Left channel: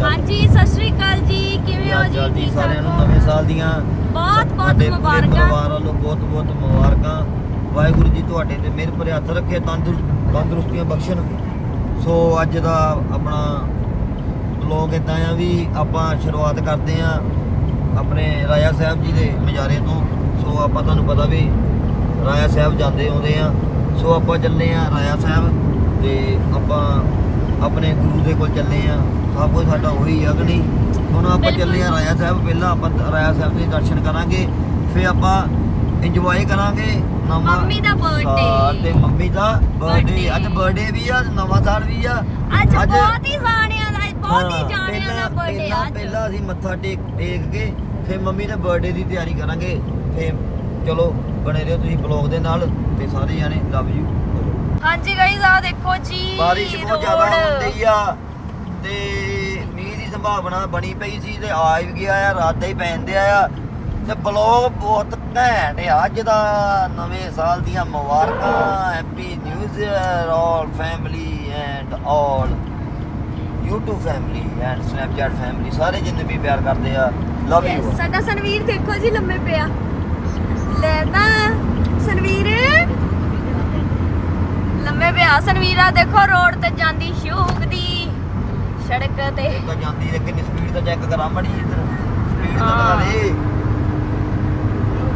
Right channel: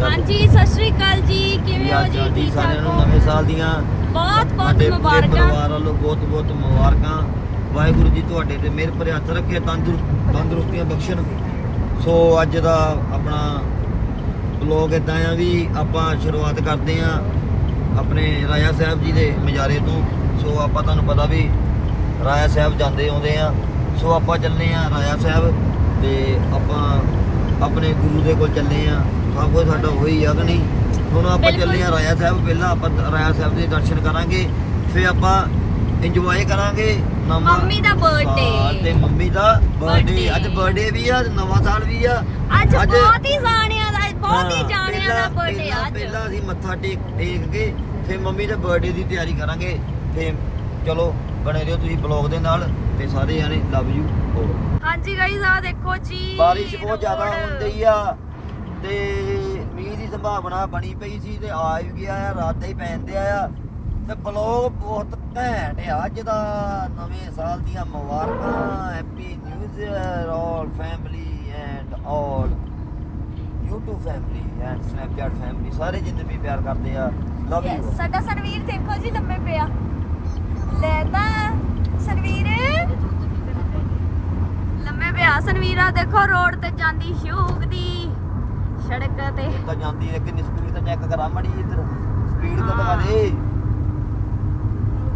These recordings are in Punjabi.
ਹਾਂਜੀ ਸਤਿ ਸ਼੍ਰੀ ਅਕਾਲ ਜੀ। ਕਿਵੇਂ ਹੋ ਜੀ? ਜੀ ਠੀਕ ਸਾਰਿਆਂ ਨੂੰ ਠਾਕ ਨਵੇਂ ਸਾਲ ਦੀਆਂ ਬਹੁਤ ਬਹੁਤ ਮੁਬਾਰਕਾਂ। ਪਰਿਵਾਰ ਵੱਲੋਂ ਬਹੁਤ ਬਹੁਤ ਮੁਬਾਰਕਾਂ। ਵਾਹਿਗੁਰੂ ਜੀ ਤੁਹਾਡੇ ਤੇ ਮਿਹਰ ਭਰੇ ਹੱਥ ਰੱਖੇ ਤੰਦੁਰ ਤੰਦਰੁਸਤੀਆਂ ਬਖਸ਼ਣ। ਸੋ ਅੱਜ ਦਾ ਆਪਣਾ ਬਲੌਗ ਇਦਾਂ ਆ ਵੀ ਆਪਾਂ ਸ਼ੁਰੂਆਤ ਕਰਦੇ ਆ ਆਪਣੇ ਰਾਜਾ ਸਾਹਿਬ ਜੀ ਦੇ ਮਜਾਰੇ ਤੋਂ। ਸੋ ਆਪਾਂ ਤੁਹਾਨੂੰ ਪਤਾ ਵੀ ਰਾਜਾ ਸਾਹਿਬ ਜਾਂਦੇ ਆਉਂਦੇ ਆ। ਸੋ ਆਪਾਂ ਚੱਲੇ ਆ ਰਾਜਾ ਸਾਹਿਬ ਤੇ ਆਪਾਂ ਆਪਣੇ ਗੁਰੂ ਦੇ ਕੋਲ ਚੱਲੇ ਆ। ਸਭ ਕੁਝ ਸਾਡਾ ਹੋਈ ਆ ਕਿ ਨਹੀਂ? ਹੁਣ ਆਪਾਂ ਚੱਲੇ ਆ ਰਾਜਾ ਸਾਹਿਬ ਪਹਿਲਾਂ ਆਪਾਂ ਰਾਜਾ ਸਾਹਿਬ ਦੇ ਦਰਸ਼ਨ ਕਰਾਂਗੇ ਫਿਰ ਆਪਾਂ ਇੰਜੋਏ ਕਰਾਂਗੇ ਨਵਾਂ ਮੰਮੀ ਦਾ birthday। ਤੇ ਮੰਮੀ ਦਾ ਬਰਥਡੇ। ਅੱਜ ਬਰਥਡੇ ਵੀ ਆ ਨਵਾਂ ਸਾਲ ਵੀ ਆ। ਅੱਜ ਬਹੁਤ ਹੀ ਜਾਣਿਆਂ ਦਾ ਬਹੁਤ ਹੀ ਜਾਣਿਆਂ ਦਾ ਬਰਥਡੇ ਅੱਜ। ਪਹਿਲਾਂ ਅਸੀਂ ਮੱਥਾ ਟੇਕ ਟੇਕ ਕੇ ਫਿਰ ਮੰਮੀ ਦੇ ਬਰਥਡੇ ਦੀ ਤਿਆਰੀ ਕਰਾਂਗੇ। ਤੇ ਚਲੋ ਬਣੇ ਰਹੋ ਤੁਸੀਂ ਬਲੌਗ ਦੇ ਨਾਲ ਤੇ ਸਾਰੇ ਜਾਣੇ ਲਵ ਯੂ ਹਾਂਜੀ ਗਾਈਜ਼ ਆ ਦੇਖੋ ਜੀ ਬਾਰਿਸ਼ ਬਹੁਤ ਜ਼ਿਆਦਾ। ਹੁੰਦੀ ਆ ਤੇ ਸੰਭਾਵਨਾ ਬਣੀ ਪਈ ਸੀ ਤੇ ਆ ਵੀ ਗਿਆ ਆ ਰਾਤ ਦਾ ਹੀ ਪੈਂਦੇ ਆ। ਤੇ ਬਲੌਗ ਬਹੁਤ ਘੈਂਟ ਆ ਅੱਜ ਦਾ ਨਵੇਂ ਸਾਲ ਦੀਆਂ ਮੁਬਾਰਕਾਂ happy new year all family and all. YouTube family and Snapchat family ਸਾਰੇ ਜਿੰਨੇ ਵੀ ਪਿਆਰ ਕਰਦੇ ਆ ਲਵ ਯੂ ਸਾਡਾ ਸਨਵੀਰ ਦੇਖੋ ਜੀ ਲੰਮੇ ਪਿਆ। ਲੈ ਤਾਂ ਸਨਵੀਰ। ਲੰਮੇ ਪਿਆ ਸਨਵੀਰਾ ਦੇਖੋ ਰੋਡ ਤੇ ਜਾਂਦੀ ਸ਼ੂਕ ਦੀ ਸੜਕ ਤੇ। ਤਾਂ ਜਾਂਦੀ ਹੈ ਕਿੰਨੀ ਸਪੀਡ ਤੇ ਚੈੱਕ ਕਰਾਂ ਮੜੀ ਇੱਧਰ। ਸਪੀਡ ਤਾਂ ਹਾਂ। ਦਿਖਾ ਦੇ।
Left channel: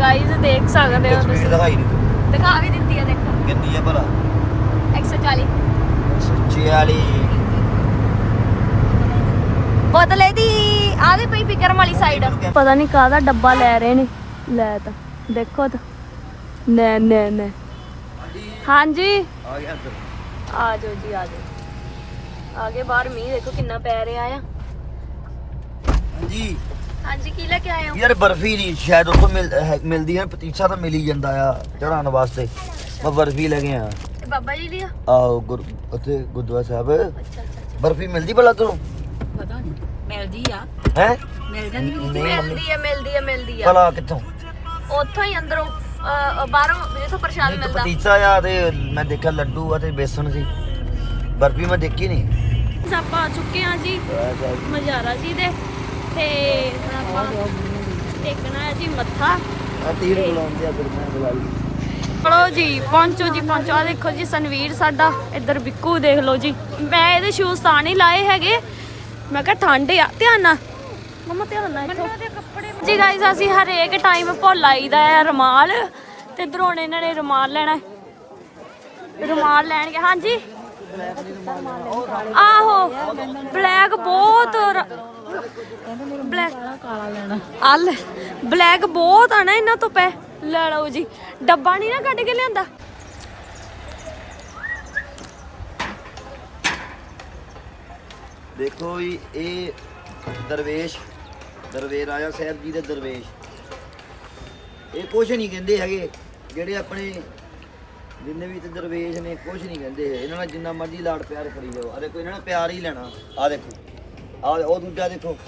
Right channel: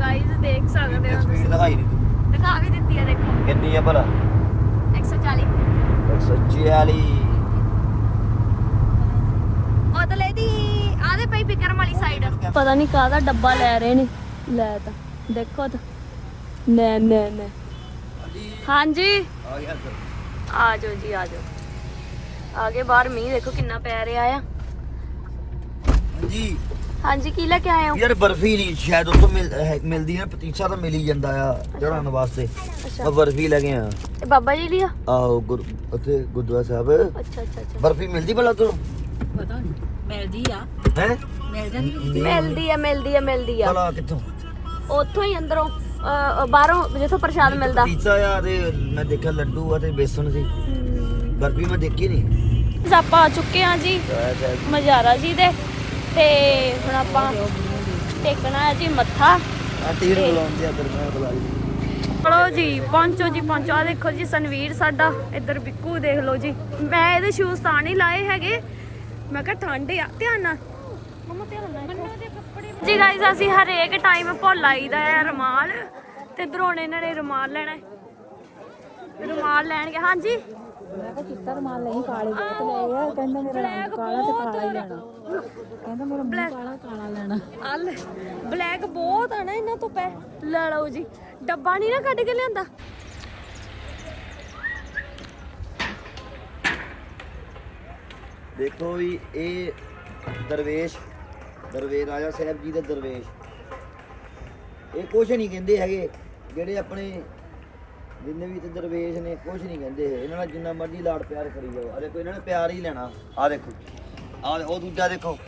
ਗਾਈਜ਼ ਦੇਖ ਸਕਦੇ ਹੋ ਸਪੀਡ ਤੁਸੀਂ। ਦਿਖਾਈ ਨਹੀਂ ਤੂੰ। ਦਿਖਾ ਵੀ ਦਿੱਤੀ ਆ ਦੇਖੋ। ਕਿੰਨੀ ਆ ਭਲਾ? 140 146 ਬੋਤਲੇ ਦੀ ਆਦੇ ਪਈ ਫਿਕਰ ਵਾਲੀ ਸਾਈਡ ਪਤਾ ਨਹੀਂ ਕਾਹਦਾ ਡੱਬਾ ਲੈ ਰਹੇ ਨੇ। ਲੈ ਤਾਂ ਦੇਖੋ ਤਾਂ। ਨਾ ਨਾ ਨਾ। ਹਾਂਜੀ। ਆ ਗਿਆ ਇੱਧਰ। ਆ ਜਾਓ ਜੀ ਆ ਜਾਓ। ਆਗੇ ਬਾਹਰ ਮੀਂਹ ਦੇਖੋ ਕਿੰਨਾ ਪੈ ਰਿਹਾ ਆ। ਹਾਂਜੀ। ਹਾਂਜੀ ਕੀ ਲੈ ਕੇ ਆਏ ਹੋ? ਯਾਰ ਬਰਫੀ ਨਹੀਂ ਸ਼ਾਇਦ ਉੱਥੋਂ ਮਿਲ ਹੈ- ਮਿਲਦੀ ਹੈ ਪਤੀਸਾ ਤਾਂ ਮਿਲ ਹੀ ਜਾਂਦਾ ਆ ਚੜਾਉਣ ਵਾਸਤੇ। ਮੈਂ ਬਰਫੀ ਲੈ ਕੇ ਆ ਇਹ ਬਾਬਾ ਜੀ ਦੀ ਆ? ਆਓ ਗੁਰ ਉੱਥੇ ਗੁਰਦੁਆਰਾ ਸਾਹਿਬ। ਅੱਛਾ ਅੱਛਾ ਅੱਛਾ। ਬਰਫੀ ਮਿਲਦੀ ਭਲਾ ਤੂੰ ਪਤਾ ਨਹੀਂ ਮਿਲਦੀ ਆ। ਹੈ? ਮਿਲ ਜਾਂਦੀ ਵੀ ਮਿਲਦੀ ਆ ਮਿਲਦੀ ਆ ਮਿਲਦੀ ਆ। ਭਲਾ ਕਿੱਥੋਂ? ਉੱਥੋਂ ਹੀ ਅੰਦਰੋਂ ਅਹ, ਬਾਹਰੋਂ ਜਿੱਥੋਂ ਪ੍ਰਸ਼ਾਦ ਮਿਲਦਾ। ਪਤੀਸਾ ਆ ਤੇ ਮੈਂ ਦੇਖਿਆ ਲੱਡੂ ਆ ਤੇ ਬੇਸਣ ਸੀ। ਬਰਫੀ ਮੈਂ ਦੇਖੀ ਨਹੀਂ ਆਪਾਂ ਆ ਚੁੱਕੇ ਆ ਜੀ ਮਜਾਰਾ ਜੀ ਦੇ। ਤੇ ਹੁਣ ਆਪਾਂ ਟੇਕਣਾ ਹੈ ਜੀ ਮੱਥਾ। ਆ ਤੀਰ ਬੁਲਾਉਂਦੇ ਆ ਮੈਂ ਬੁਲਾ ਲਈ। ਚਲੋ ਜੀ ਪਹੁੰਚੋ ਜੀ ਪਹੁੰਚੋ। ਆ ਦੇਖੋ ਜੀ ਸਨਵੀਰ ਸਾਡਾ ਇੱਧਰ ਬਿੱਕੂ ਦੇਖ ਲਓ ਜੀ। ਮੈਂ ਇਹਦੇ ਸ਼ੂਜ਼ ਤਾਂ ਨਹੀਂ ਲਾਏ ਹੈਗੇ। ਮੈਂ ਕਿਹਾ ਠੰਡ ਆ ਧਿਆਨ ਨਾਲ। ਮਮਾ ਧਿਆਨ ਨਾਲ ਇੱਥੋਂ। ਜੀ ਗਾਇਸ ਅਸੀਂ ਹਰੇਕ ਟਾਈਮ ਭੁੱਲ ਆਈਦਾ ਹੈ ਰੁਮਾਲ। ਤੇ ਇੱਧਰ ਹੁਣ ਇਹਨਾਂ ਨੇ ਰੁਮਾਲ ਲੈਣਾ ਹੈ। ਰੁਮਾਲ ਲੈਣਗੇ। ਹਾਂਜੀ। ਆਹੋ ਬਲੈਕ ਬਹੁਤ ਬਲੈਕ ਕਾਲਾ ਲੈਣਾ। ਅਲ ਬਲੈਕ ਬਹੁਤ ਆ ਨਾ ਇਹਨਾਂ ਤੋਂ ਪੈ। ਲੈ ਲਓ ਜੀ ਡੱਬਾ ਨਹੀਂ ਨਾ ਕੱਢ ਕੇ ਲਿਆਂਦਾ। ਦੇਖੋ ਵੀ ਇਹ ਦਰਵੇਸ਼ ਦਰਵੇਸ਼ ਰਾਜਾ ਸਾਹਿਬ ਜੀ ਦੇ ਦਰਵੇਸ਼। ਇਹ ਕੁਛ ਨਹੀਂ ਕਹਿੰਦੇ ਹੈਗੇ ਜਿਹੜੇ ਆਪਣੇ ਜਿੰਨੇ ਵੀ ਤੇ ਦਰਵੇਸ਼ ਨੇ ਕੁਛ ਨਹੀਂ ਕਹਿੰਦੇ। ਇਹਨਾਂ ਨਾਲ ਜਿੰਨਾ ਮਰਜ਼ੀ ਲਾਡ ਪਿਆਰ ਕਰੀ ਜਾਓ। ਆ ਦੇਖੋ ਇਹਨਾਂ ਨੇ ਪਿਆਰ ਹੀ ਲੈਣਾ। ਆ ਦੇਖੋ। ਆ ਉਹ ਦੂਜਾ ਦੇਖੋ।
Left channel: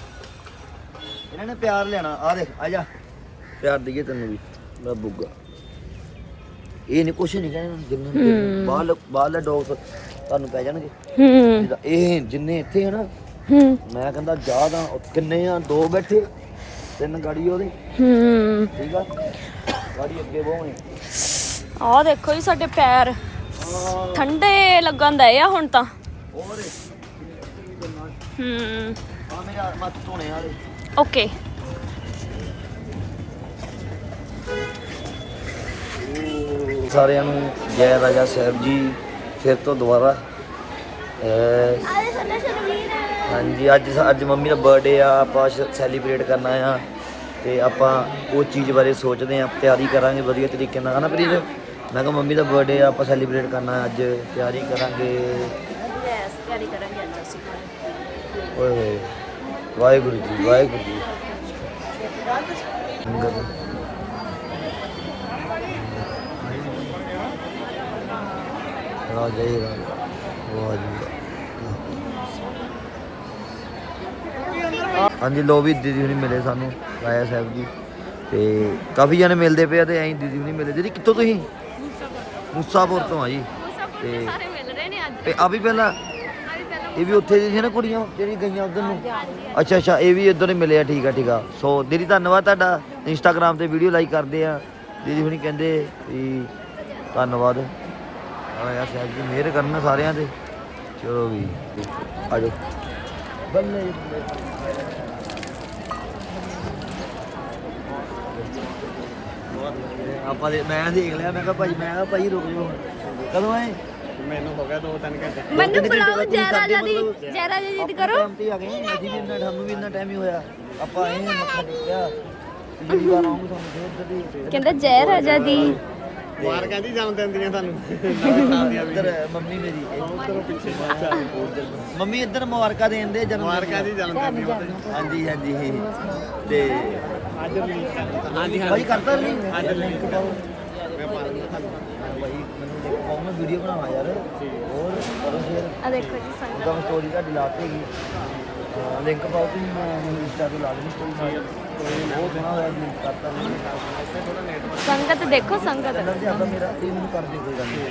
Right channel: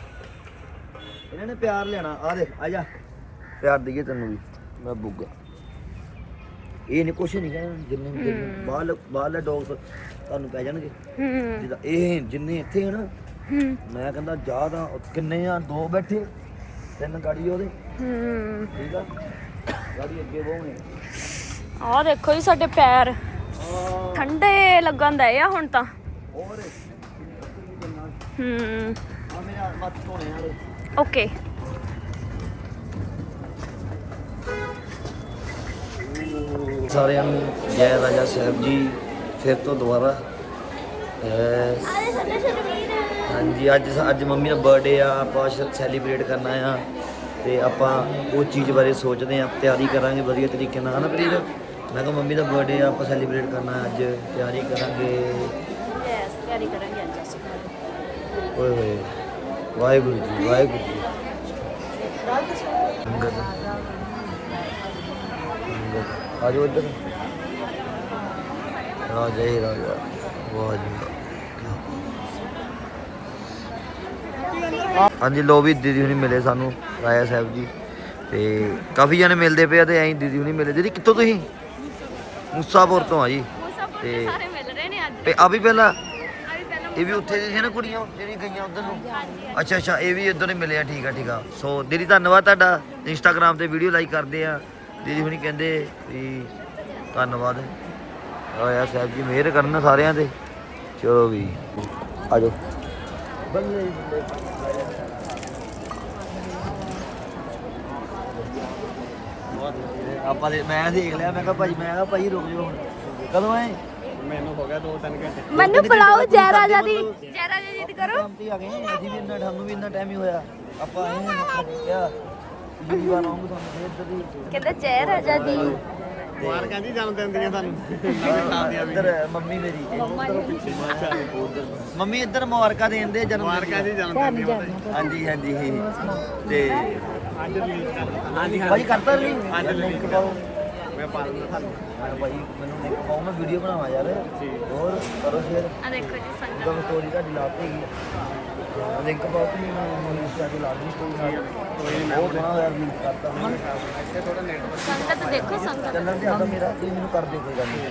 ਇਹਨਾਂ ਨੇ ਪਿਆਰ ਲੈਣਾ। ਆ ਦੇਖ ਆ ਜਾ। ਪਿਆਰ ਦਈਏ ਤੈਨੂੰ ਵੀ। ਮੈਂ ਬੁੱਗਾ। ਇਹ ਨਹੀਂ ਕੁਛ ਨਹੀਂ ਕਹਿਣਾ। ਜਿੰਨੇ ਬਾਹਰ ਬਾਹਰਲੇ ਡੌਗ ਤੁਹਾਨੂੰ ਪੈ ਜਾਣਗੇ। ਹੂੰ। ਜਿੱਦਾਂ ਇਹ ਜਿੰਨੇ ਇੱਥੇ ਹਨ ਹੂੰ। ਮੈਂ ਕਹਿੰਦਾ ਜਾ ਤਾਂ ਉਹ ਕਿੰਨੇ ਆ? ਦੋ ਬੈਠੇ। ਤਿੰਨ ਗਾੜੀ ਉਹਦੇ। ਹੂੰ। ਠੀਕ ਆ? ਗਾੜੀ ਅੱਗੇ ਬਹੁਣੇ। ਆਹ ਦੇਖੋ ਜੀ ਸਾਡੇ ਪੈਰ। ਠੰਡੇ ਲੱਗਣ ਦਏ ਆ ਹੁਣ ਤਾਂ। ਹੋਰ ਇੱਥੇ ਵੀ ਨਾਲ ਹੂੰ। ਆ ਮੇਰੇ ਮੱਥ ਧੋਣੇ ਵਾਲੇ। ਓਕੇ। ਸਾਰਿਆਂ ਨੂੰ ਜੈ ਰਾਜਾ ਸਾਹਿਬ ਜੀ ਫਿਰ ਤੋਂ ਦੁਬਾਰਾ। ਅਹ ਹਾਂਜੀ ਅੱਜ ਅੱਜ ਮੰਮੀ ਦਾ ਬਰਥਡੇ ਆ ਆਪਾਂ ਸੈਲੀਬ੍ਰੇਟ ਕਰਨਾ ਆ। ਤੇ ਆਪਾਂ ਉਹ ਚੀਜ਼ ਬਾਰੇ ਸੋਚਦੇ ਆ ਤਿਆਰੀ ਕਰਾਂਗੇ ਵਧੀਆ ਤਰੀਕੇ ਨਾਲ ਹਨਾ ਪ੍ਰੀਤ? ਮੈਂ ਕਿਹਾ ਮੰਮੀ ਦਾ ਬਰਥਡੇ ਆ ਆਪਾਂ ਸੈਲੀਬ੍ਰੇਟ ਕਰਨਾ ਅੱਜ ਤਿਆਰੀ ਕਰਾਂਗੇ। ਯੈਸ ਤਿਆਰੀ ਕਰਾਂਗੇ ਅੱਜ ਅਸੀਂ। ਓਏ ਹੋਏ ਵਾਹਿਗੁਰੂ ਜੀ ਵਾਹਿਗੁਰੂ ਜੀ। ਆਜੋ ਇੱਧਰ। ਰਾਜਾ ਹੀ ਰਾਜਾ ਵਾਹ ਜੀ ਵਾਹ। ਹਾਂਜੀ ਲੋ ਵੀ ਦੀਦੀ ਹੁਣੀ ਮਿਲੇ ਸਾਨੂੰ ਰਾਇਆ ਸਾਹਿਬ ਜੀ। ਤੇ ਕਾਫੀ ਜਣੇ ਮਿਲਦੇ ਪਏ ਆ ਤੇ ਐਂ ਦੀਦੀ ਹੁਣੀ ਮਿਲੇ। ਦੀਦੀ ਕਿੱਥੋਂ ਤੁਸੀਂ? ਮੂਸਾਪੁਰ ਤੋਂ ਆ ਜੀ। ਤੇ ਸਾਰੇ ਮਿਲ ਰਹੇ ਨੇ ਅੱਜ। ਤੇ ਆ ਵੀ ਪਹਿਲਾਂ ਆ ਵੀ ਪਹਿਲਾਂ ਇਹ ਵੀ ਉੱਥੇ ਦੀ ਸੀ ਨਾ ਕੁੜੀਆਂ ਜਿਹੜੀ ਗਈਆਂ ਉਧਰ ਨੂੰ? ਅੱਛਾ ਅੱਛਾ ਇਹ ਵੀ ਇੱਧਰ ਹੀ ਮਿਲੇ ਆ ਠੀਕ ਆ ਠੀਕ ਆ। ਸੋ ਦੀਦੀ ਧੰਨਵਾਦ ਤੁਹਾਡਾ। ਇੰਸਟਾਗ੍ਰam ਤੇ ਵੀਡੀਓ ਲਾਈਕ ਕਰਦੇ ਆ। ਦੀਦੀ ਹੁਣੀ ਕਹਿੰਦੇ ਵੀ ਧੰਨਵਾਦ। ਆਇਆ ਸਾਹਿਬ ਜੀ ਮਿਹਰ ਕਰਨ ਸਾਰਿਆਂ ਤੇ। ਚਲੋ ਵੀ ਆਜੋ ਬੱਲੇ ਬੱਲੇ ਬਹੁਤ ਵਧੀਆ ਆਪਾਂ ਦੇ ਮੈਂ ਦੇਖ ਲਿਆ ਮੈਂ ਕਿਹਾ ਭਾਈ ਮੈਂ ਕਿਹਾ ਭਾਈ ਰੁਕ ਜਾਓ ਹੁਣ। ਕਦੋਂ ਆਏ? ਮੈਨੂੰ ਹੋ ਗਿਆ 2-3 ਘੰਟੇ। ਮੈਨੂੰ ਬੁਲਾਓ ਜੈ ਰਾਜਾ ਦੀ ਜੈ ਰਾਜਾ ਜੀ ਦੀ ਆਪਣੇ ਕਰੋ। ਟਾਈਮ ਤੇ ਆ ਗਏ ਅਸੀਂ ਵੀ ਇੰਨਾ ਸਾਨੂੰ ਵੀ ਇੰਨਾ ਟਾਈਮ ਹੀ ਹੋਇਆ। ਆਪਾਂ ਆਏ ਹਾਂ ਮੱਥਾ ਟੇਕਿਆ। ਪਿਛਲੀ ਵਾਰ ਆਉਂਗੇ ਤੁਹਾਨੂੰ ਫੇਰ ਇੱਧਰ ਦੀ। ਕਹਿੰਦਾ ਜੈ ਰਾਜਾ ਦੀ। ਮੁਬਾਰਕਾਂ ਜੀ ਜਨਮ ਦਿਨ ਦੀਆਂ ਸਾਨੂੰ ਨਵੇਂ ਸਾਲ ਦੀਆਂ ਵੀ ਇੱਧਰ ਮੰਮੀ ਮੇਰੀ ਉਧਰੋਂ ਪਿੱਛੇ ਉੱਧਰ ਮੰਮੀ ਇੱਧਰ ਮੁਬਾਰਕਾਂ ਦੇਣ ਦੇ ਜਨਮ ਮੁਬਾਰਕਾਂ ਜੀ ਜਨਮ ਦਿਨ ਜੀ ਹਾਂਜੀ ਹਾਂਜੀ। ਤੇ ਅੱਜ ਰਿਲੀਜ਼ ਕਰਨਾ ਹਾਂਜੀ ਭਾਈ ਕਰਤਾ ਨਹੀਂ? ਅੱਜ ਲਿੰਕ release ਪਾਓ। ਮੈਂ ਪਾ ਦਿੰਦਾ ਤੁਹਾਨੂੰ। ਮੈਂ ਭਾਈ ਮੈਨੂੰ ਲਿੰਕ ਪਾਓ ਮੈਂ ਵੀਡੀਓ ਬਣਾਵਾਂ ਯਾਰ। ਹੋਰ ਕਰੋ ਸ਼ੇਅਰ ਆ ਦੇਖੋ ਜੀ ਸੰਗਤ। ਗਮ ਸਟੋਰੀ ਦਾ ਲਾਤੇ ਹੈਗੀ ਲਿੰਕ ਪਾਓ ਤੁਸੀਂ ਮੈਂ ਇੰਸਟਾ ਤੇ ਲਾ ਦੇਣੀ ਸਟੋਰੀ ਨਾਲ। ਕੋਈ ਨਹੀਂ ਬਹੁਤ ਸੋਹਣਾ ਹੋਇਆ ਜੀ। ਸੰਗਤ ਦੇਖੋ ਸੰਗਤ। ਮੇਰਾ ਤੁਸੀਂ ਮੈਨੂੰ ਕਰ ਦਿਓ ਕੋਈ ਗੱਲ ਨਹੀਂ।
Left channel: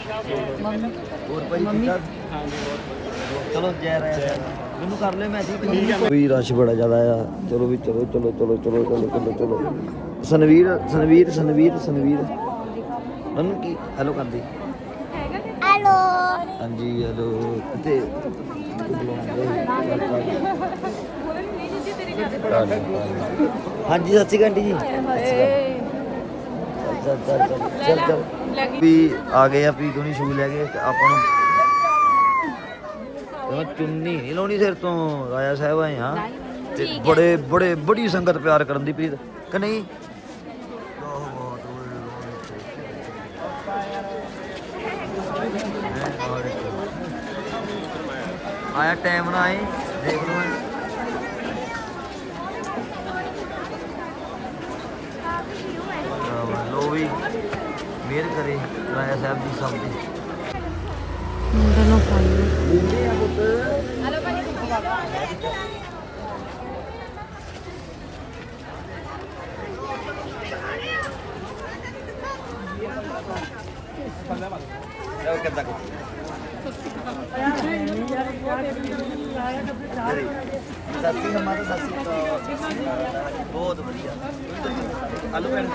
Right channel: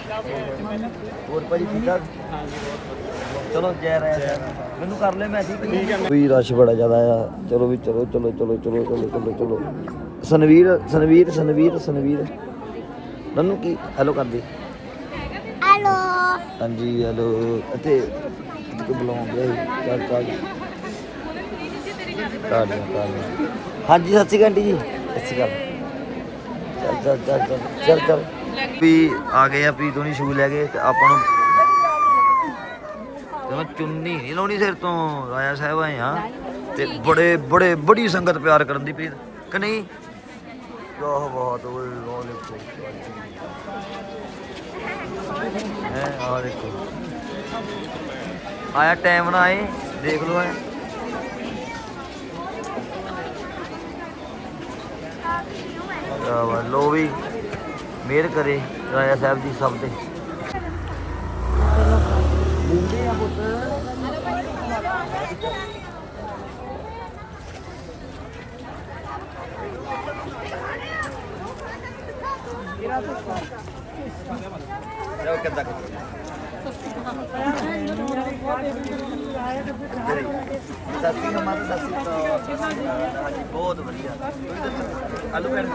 ਹੋਰ ਭਾਜੀ ਠੀਕ ਠਾਕ ਹਾਂਜੀ ਬਹੁਤ ਵਧੀਆ। ਚਲੋ ਜੈ ਰਾਇਆ ਮੈਨੂੰ ਕਰ ਲਿਓ ਮੈਂ ਠੀਕ ਹੈ ਵੀ ਰਸ਼ ਬੜਾ ਜ਼ਿਆਦਾ ਆ। ਚਲੋ ਵੀ ਚਲੋ ਚਲੋ ਚਲੋ ਚਲੋ ਚਲੋ ਚਲੋ ਚਲੋ। ਸਨਵੀਰ ਸਨਵੀਰ ਸਨਵੀਰ ਸਨਵੀਰ। ਨੰਨੂ ਕੀ? ਹੈਲੋ ਕਰਦੀ ਹੈਲੋ ਹਾਂਜੀ ਹੈਲੋ ਅਤੇ ਇੱਕ ਬੁਲਾਉਂਦੇ ਚੱਲ ਚੱਲ ਚੱਲ ਚੱਲ। ਹਾਂਜੀ। ਸਤਿ ਸ਼੍ਰੀ ਅਕਾਲ ਜੀ। ਸਤਿ ਸ਼੍ਰੀ ਅਕਾਲ। ਚੱਲ ਚੱਲ ਚੱਲ ਚੱਲ ਚੱਲ ਚੱਲ। ਵੀ ਆ ਗਏ ਆ ਪ੍ਰੀਤ ਹੋਣੀ ਸ਼ੂ ਲੈ ਕੇ ਤੇ ਆਪਾਂ ਨੂੰ ਜਮਾ ਚੁੰਨੀ ਨਹੀਂ ਲਾਉਣੀ ਸਿਰ ਤੋਂ ਰਾਇਆ ਸਾਹਿਬ ਆਏ ਆ। ਤੇ ਬੜੇ ਬੜੇ ਬੜੀ ਸੰਗਤ ਪਿਆਰ ਕਰਨ ਦੀ ਪ੍ਰੀਤ ਕਿ ਨਹੀਂ? ਵਾਹ ਵਾਹ ਹੈ ਆ ਦੇਖੋ। ਆਇਆ ਟਾਈਮ ਨਾ ਆਏ ਦੇਖ ਲਓ ਆਹ ਲੋ ਵੀ ਮਿਹਰ ਕਰੇ ਰਾਇਆ ਸਾਹਿਬ ਜੀ ਸਭ ਤੇ ਬੁੰਦੇ ਆ ਪੁੱਤ। ਜਾਓ ਕਿੱਦਾਂ ਕਿ ਜਰੀ ਹਮਾਰਾ ਦਾਸੀ ਹਾਂਜੀ ਬਹੁਤ ਵਧੀਆ ਆਲੂ ਭੈਣ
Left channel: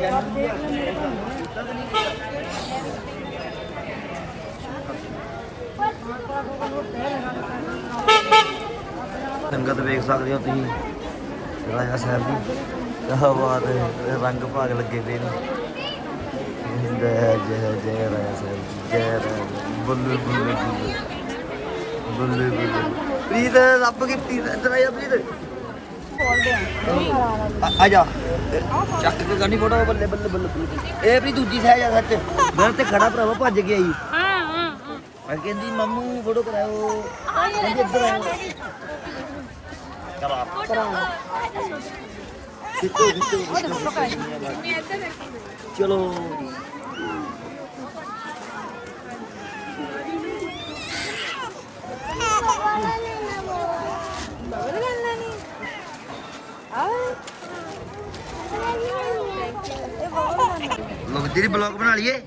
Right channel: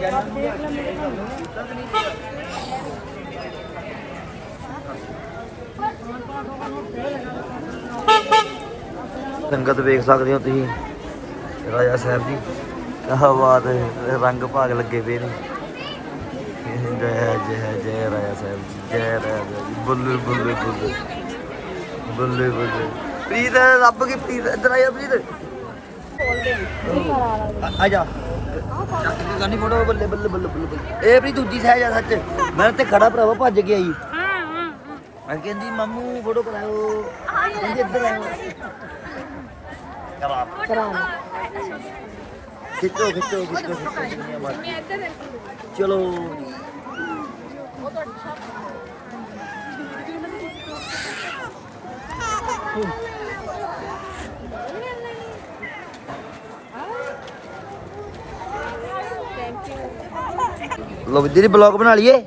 ਚੈਨਲ ਵੀ ਇਹ ਨਹੀਂ ਸੰਗਤ ਵੇਖ ਸਕਦੇ ਹੋ ਤੁਸੀਂ, ਰਾਜਾ ਸਾਹਿਬ ਦੀ ਕਿਆ ਬਾਤ, ਰੰਗ ਭਾਗ ਲੱਗੇ ਪਏ ਨੇ। ਜੈ ਜੈ ਜੈ ਰਾਜਾ ਸਾਹਿਬ ਜੀ, ਜੈ ਰਾਜਾ ਜੀ। ਬੱਲੇ ਬੱਲੇ ਬੱਲੇ। ਬੱਲੇ ਬੱਲੇ। ਪ੍ਰੀਤ ਰੱਬ ਕੀ ਪ੍ਰੀਤ ਇੱਧਰ ਆ ਜਾ ਪ੍ਰੀਤ। ਆ- ਆ ਜਾ। ਚੱਕ ਕੇ ਗਾਣੀ ਫੋਟੋ ਬੱਲੇ ਬੱਲੇ ਬੱਲੇ ਬੱਲੇ ਬੱਲੇ। ਇਹ ਪ੍ਰੀਤ ਦੂਜੀ ਸਾਈਡ ਆ ਸੱਚ। ਮੈਂ ਤੇ ਖੜਾ ਭਰਾਵਾ ਭੱਜ ਕੇ ਆਈ। ਮੈਂ ਕਹਿੰਦੀ ਮਾਮੂ ਫੋਟੋ ਕਰਾਓ ਕਹਿੰਦੀ ਇੱਧਰ ਆਓ। ਕਰਾ ਖਿੱਚੋ ਖਿੱਚੋ ਖਿੱਚੋ ਖਿੱਚੋ। ਚਲੋ ਜੀ। ਲੋ ਵੀ ਦੀਦੀ ਬਲੌਗ ਬਣਾ ਲਈਏ?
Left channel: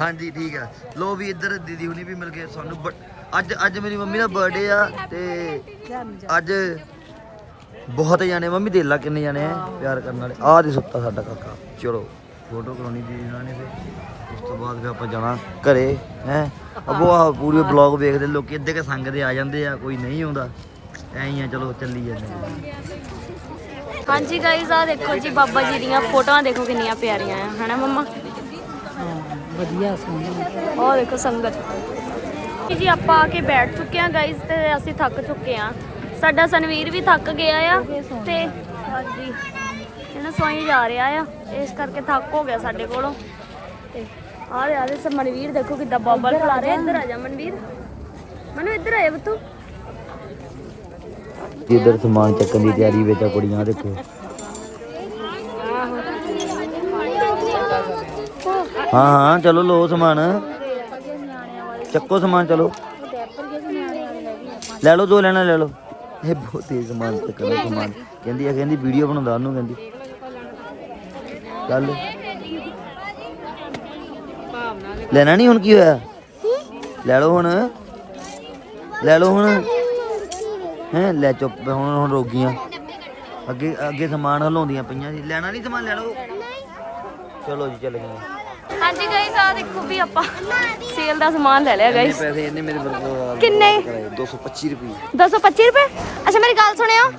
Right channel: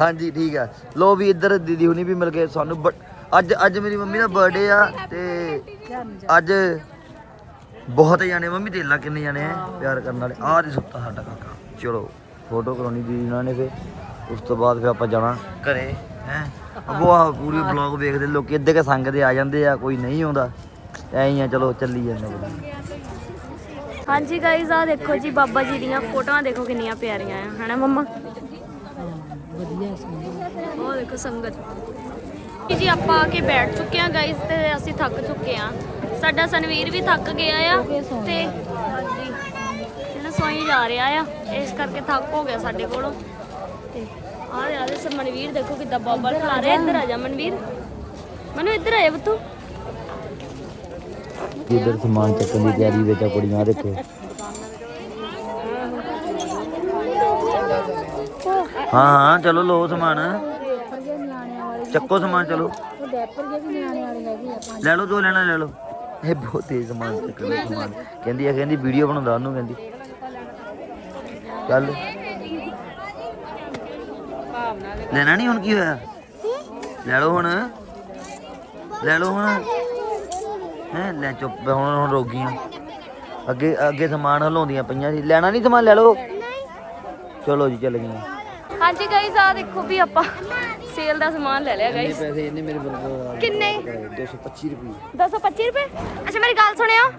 ਹਾਂਜੀ ਠੀਕ ਆ। ਲੋ ਵੀ ਇੱਧਰ ਦੀਦੀ ਹੁਣੀ ਵੀ ਮਿਲ ਗਏ ਸਾਨੂੰ ਬ- ਅੱਜ ਅੱਜ ਮੇਰੀ ਮੰਮੀ ਦਾ ਬਰਥਡੇ ਆ ਤੇ ਅੱਜ ਬਹੁਤ ਜਾਣੇ ਮੰਮੀ ਦੇਖ ਲਾ ਕਿੰਨੇ ਜਾਣੇ ਆ ਪਿਆਰ ਕਰਨ ਵਾਲੇ। ਆਹ ਦੀ ਸੁੱਤਾ ਸਾਡਾ ਕਾਕਾ। ਚਲੋ ਫੋਟੋ ਕਰਾਉਣੀ ਦੀਦੀ ਨਾਲ ਨੇ ਫਿਰ। ਉਸ ਤੋਂ ਬਾਅਦ ਫਿਰ ਆਪਾਂ ਜਾਣਾ ਘਰੇ ਹੈ। ਅਬੋ ਆ ਪੂਰੇ ਬਲੌਗ ਵੇਖਦੇ ਲੋਕੀ ਅੱਧੇ ਕੇ ਸੰਗ ਦੇ ਆ ਜਾਂਦੇ ਆ ਕੋਈ ਨਹੀਂ ਆਉਂਦਾ। ਐਂ ਹੀ ਆ ਚਲੋ ਚੱਲੀ ਜਾਂਦੇ ਆ। ਹਾਂਜੀ ਗਾਇਜ਼ ਆ ਦੇਖੋ ਜੀ ਬਾਬਾ ਜੀ ਦੀਆਂ ਫੋਟੋਆਂ ਦੇਖੋ ਕਿੰਨੀਆਂ ਪਿਆਰੀਆਂ ਆ ਹਨਾ ਮੰਮਾ? ਵਧੀਆ ਸੁਣਦੇ ਉਹ ਦੇਖੋ ਸੰਗਤ। ਜੀ ਆਪਾਂ ਆ ਕੇ ਬੈਠ ਚੁੱਕੇ ਆ ਗਾਇਜ਼ ਤੇ ਅਸੀਂ ਥੱਕ ਚੁੱਕੇ ਆ ਸਾਡਾ ਸਨਵੀਰ ਵੀ ਥੱਕ ਗਿਆ ਆ ਤੇ ਹਾਂਜੀ ਇਹਨਾਂ ਸੋਈ ਜਾ ਰਿਹਾ ਆ। ਇਸ ਕਰਕੇ ਥੱਕ ਹੋ ਗਿਆ ਸਾਡੇ ਕੋਲੋਂ। ਤੇ ਆਹ ਦੇ ਆਲੇ ਸਭ ਮਨਵੀਰ ਦੇਖੋ ਕਿੱਦਾਂ ਬਬਲ ਖਲਾ ਰਿਹਾ ਇੱਧਰ ਆ ਜਾ ਮਨਵੀਰ। ਮਨੂ ਇੱਧਰ ਆਇਆ ਬਤੂ ਇੱਧਰ ਸਮਾਨ ਚੱਕਣ ਦੀ ਤਿਆਰੀ ਵਿੱਚ ਆ ਕੁੜੀਆਂ, ਦੇਖੋ। ਹਾਂ ਹਾਂ, ਚਲੋ ਲੋ ਸਮਾਨ। ਚੱਕੋ ਸਮਾਨ, ਚਲੋ। ਲੈ ਲਓ ਜੋ ਲੈਣਾ ਲੈ ਲਓ। ਇਹ ਬਹੁਤ ਤੇਜ਼ ਸਮਾਨ ਚੱਕਣਾ ਸਮਾਨ। ਕਹਿੰਦੀ ਆ, ਕਹਿੰਦੀ ਵੀਡੀਓ ਬਣਾਉਂਦਾ ਉਹਨੂੰ, ਕਹਿੰਦੀ। ਚੱਲ। ਲੈਣਾ ਨਹੀਂ ਹੁਣ ਕੀ ਹੋਇਆ? ਲੈ ਲਓ ਹੁਣ। ਲੈ ਲਓ ਹੁਣ। ਹੈਂ, ਲੈ ਚੁੱਪ ਹੁਣ ਹੁਣ ਰੋਗੀਆਂ ਅੱਗੇ ਅੱਗੇ ਸਮਾਨ ਹਲਾਉਂਦੀਆਂ ਪਈਆਂ ਸੀ। ਲੈਣਾ ਨਹੀਂ ਸਮਾਨ ਲੈ ਲਓ। ਚਲੋ ਜੀ ਚੱਲ ਗਏ ਹਾਂਜੀ ਗਾਇਸ ਆ ਦੇਖੋ ਵੀ ਆਪਾਂ ਸੇਲ ਦਾ ਸਮਾਨ ਲੈ ਲਿਆ ਗਾਇਸ ਪੈਸੇ ਇਹਨੇ ਮੇਰੇ ਬਰਬਾਦ ਕਿੰਨੇ? 225 ਰੁਪਏ। 225 ਰੁਪਏ? ਅੱਛਾ ਮੇਰੀ ਗੱਲ ਸੁਣਿਓ।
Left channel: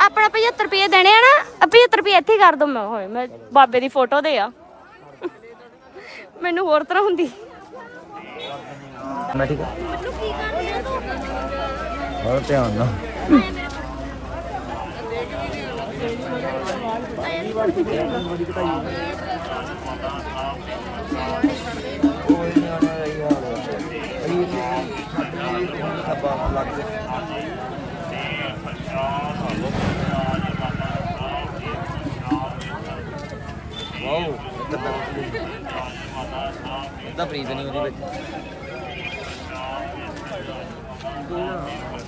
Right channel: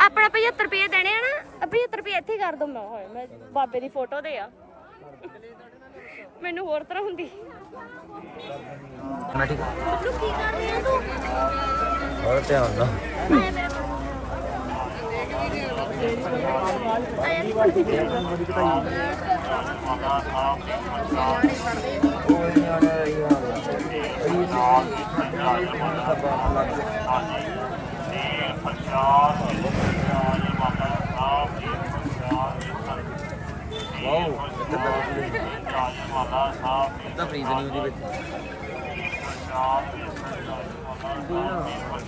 ਆਪਣਾ 75 ਰੁਪਏ ਦੇਣੇ ਆ ਨਾ 75 ਰੁਪਏ ਇੱਥੇ ਹੀ ਕਰ ਦੋ। ਮੈਂ ਹੋਏ ਮੈਂ ਬਾਬੇ ਦੀ ਫੋਟੋ ਦੇ ਆ। ਮੈਨੂੰ ਹੋਰ ਤਰ੍ਹਾਂ ਹੁੰਦੀ। ਮੈਂ ਠੀਕ ਹੈ ਮੈਨੂੰ ਕੀ ਕਰ ਰਹੀ ਤੂੰ? ਧਿਆਨ ਨਾਲ ਆਇਆ ਨਿਆਣੇ ਦਾ ਇਹ ਹਾਲ ਆ ਅਈ ਸਾਡੇ ਨਾਲ ਹੁਣ ਖੱਬਾ ਲੱਗ ਵਾਓ ਇਹ ਤਾਂ ਪ੍ਰੀਤ ਨਹੀਂ ਉਹਦੇ ਵਿੱਚ।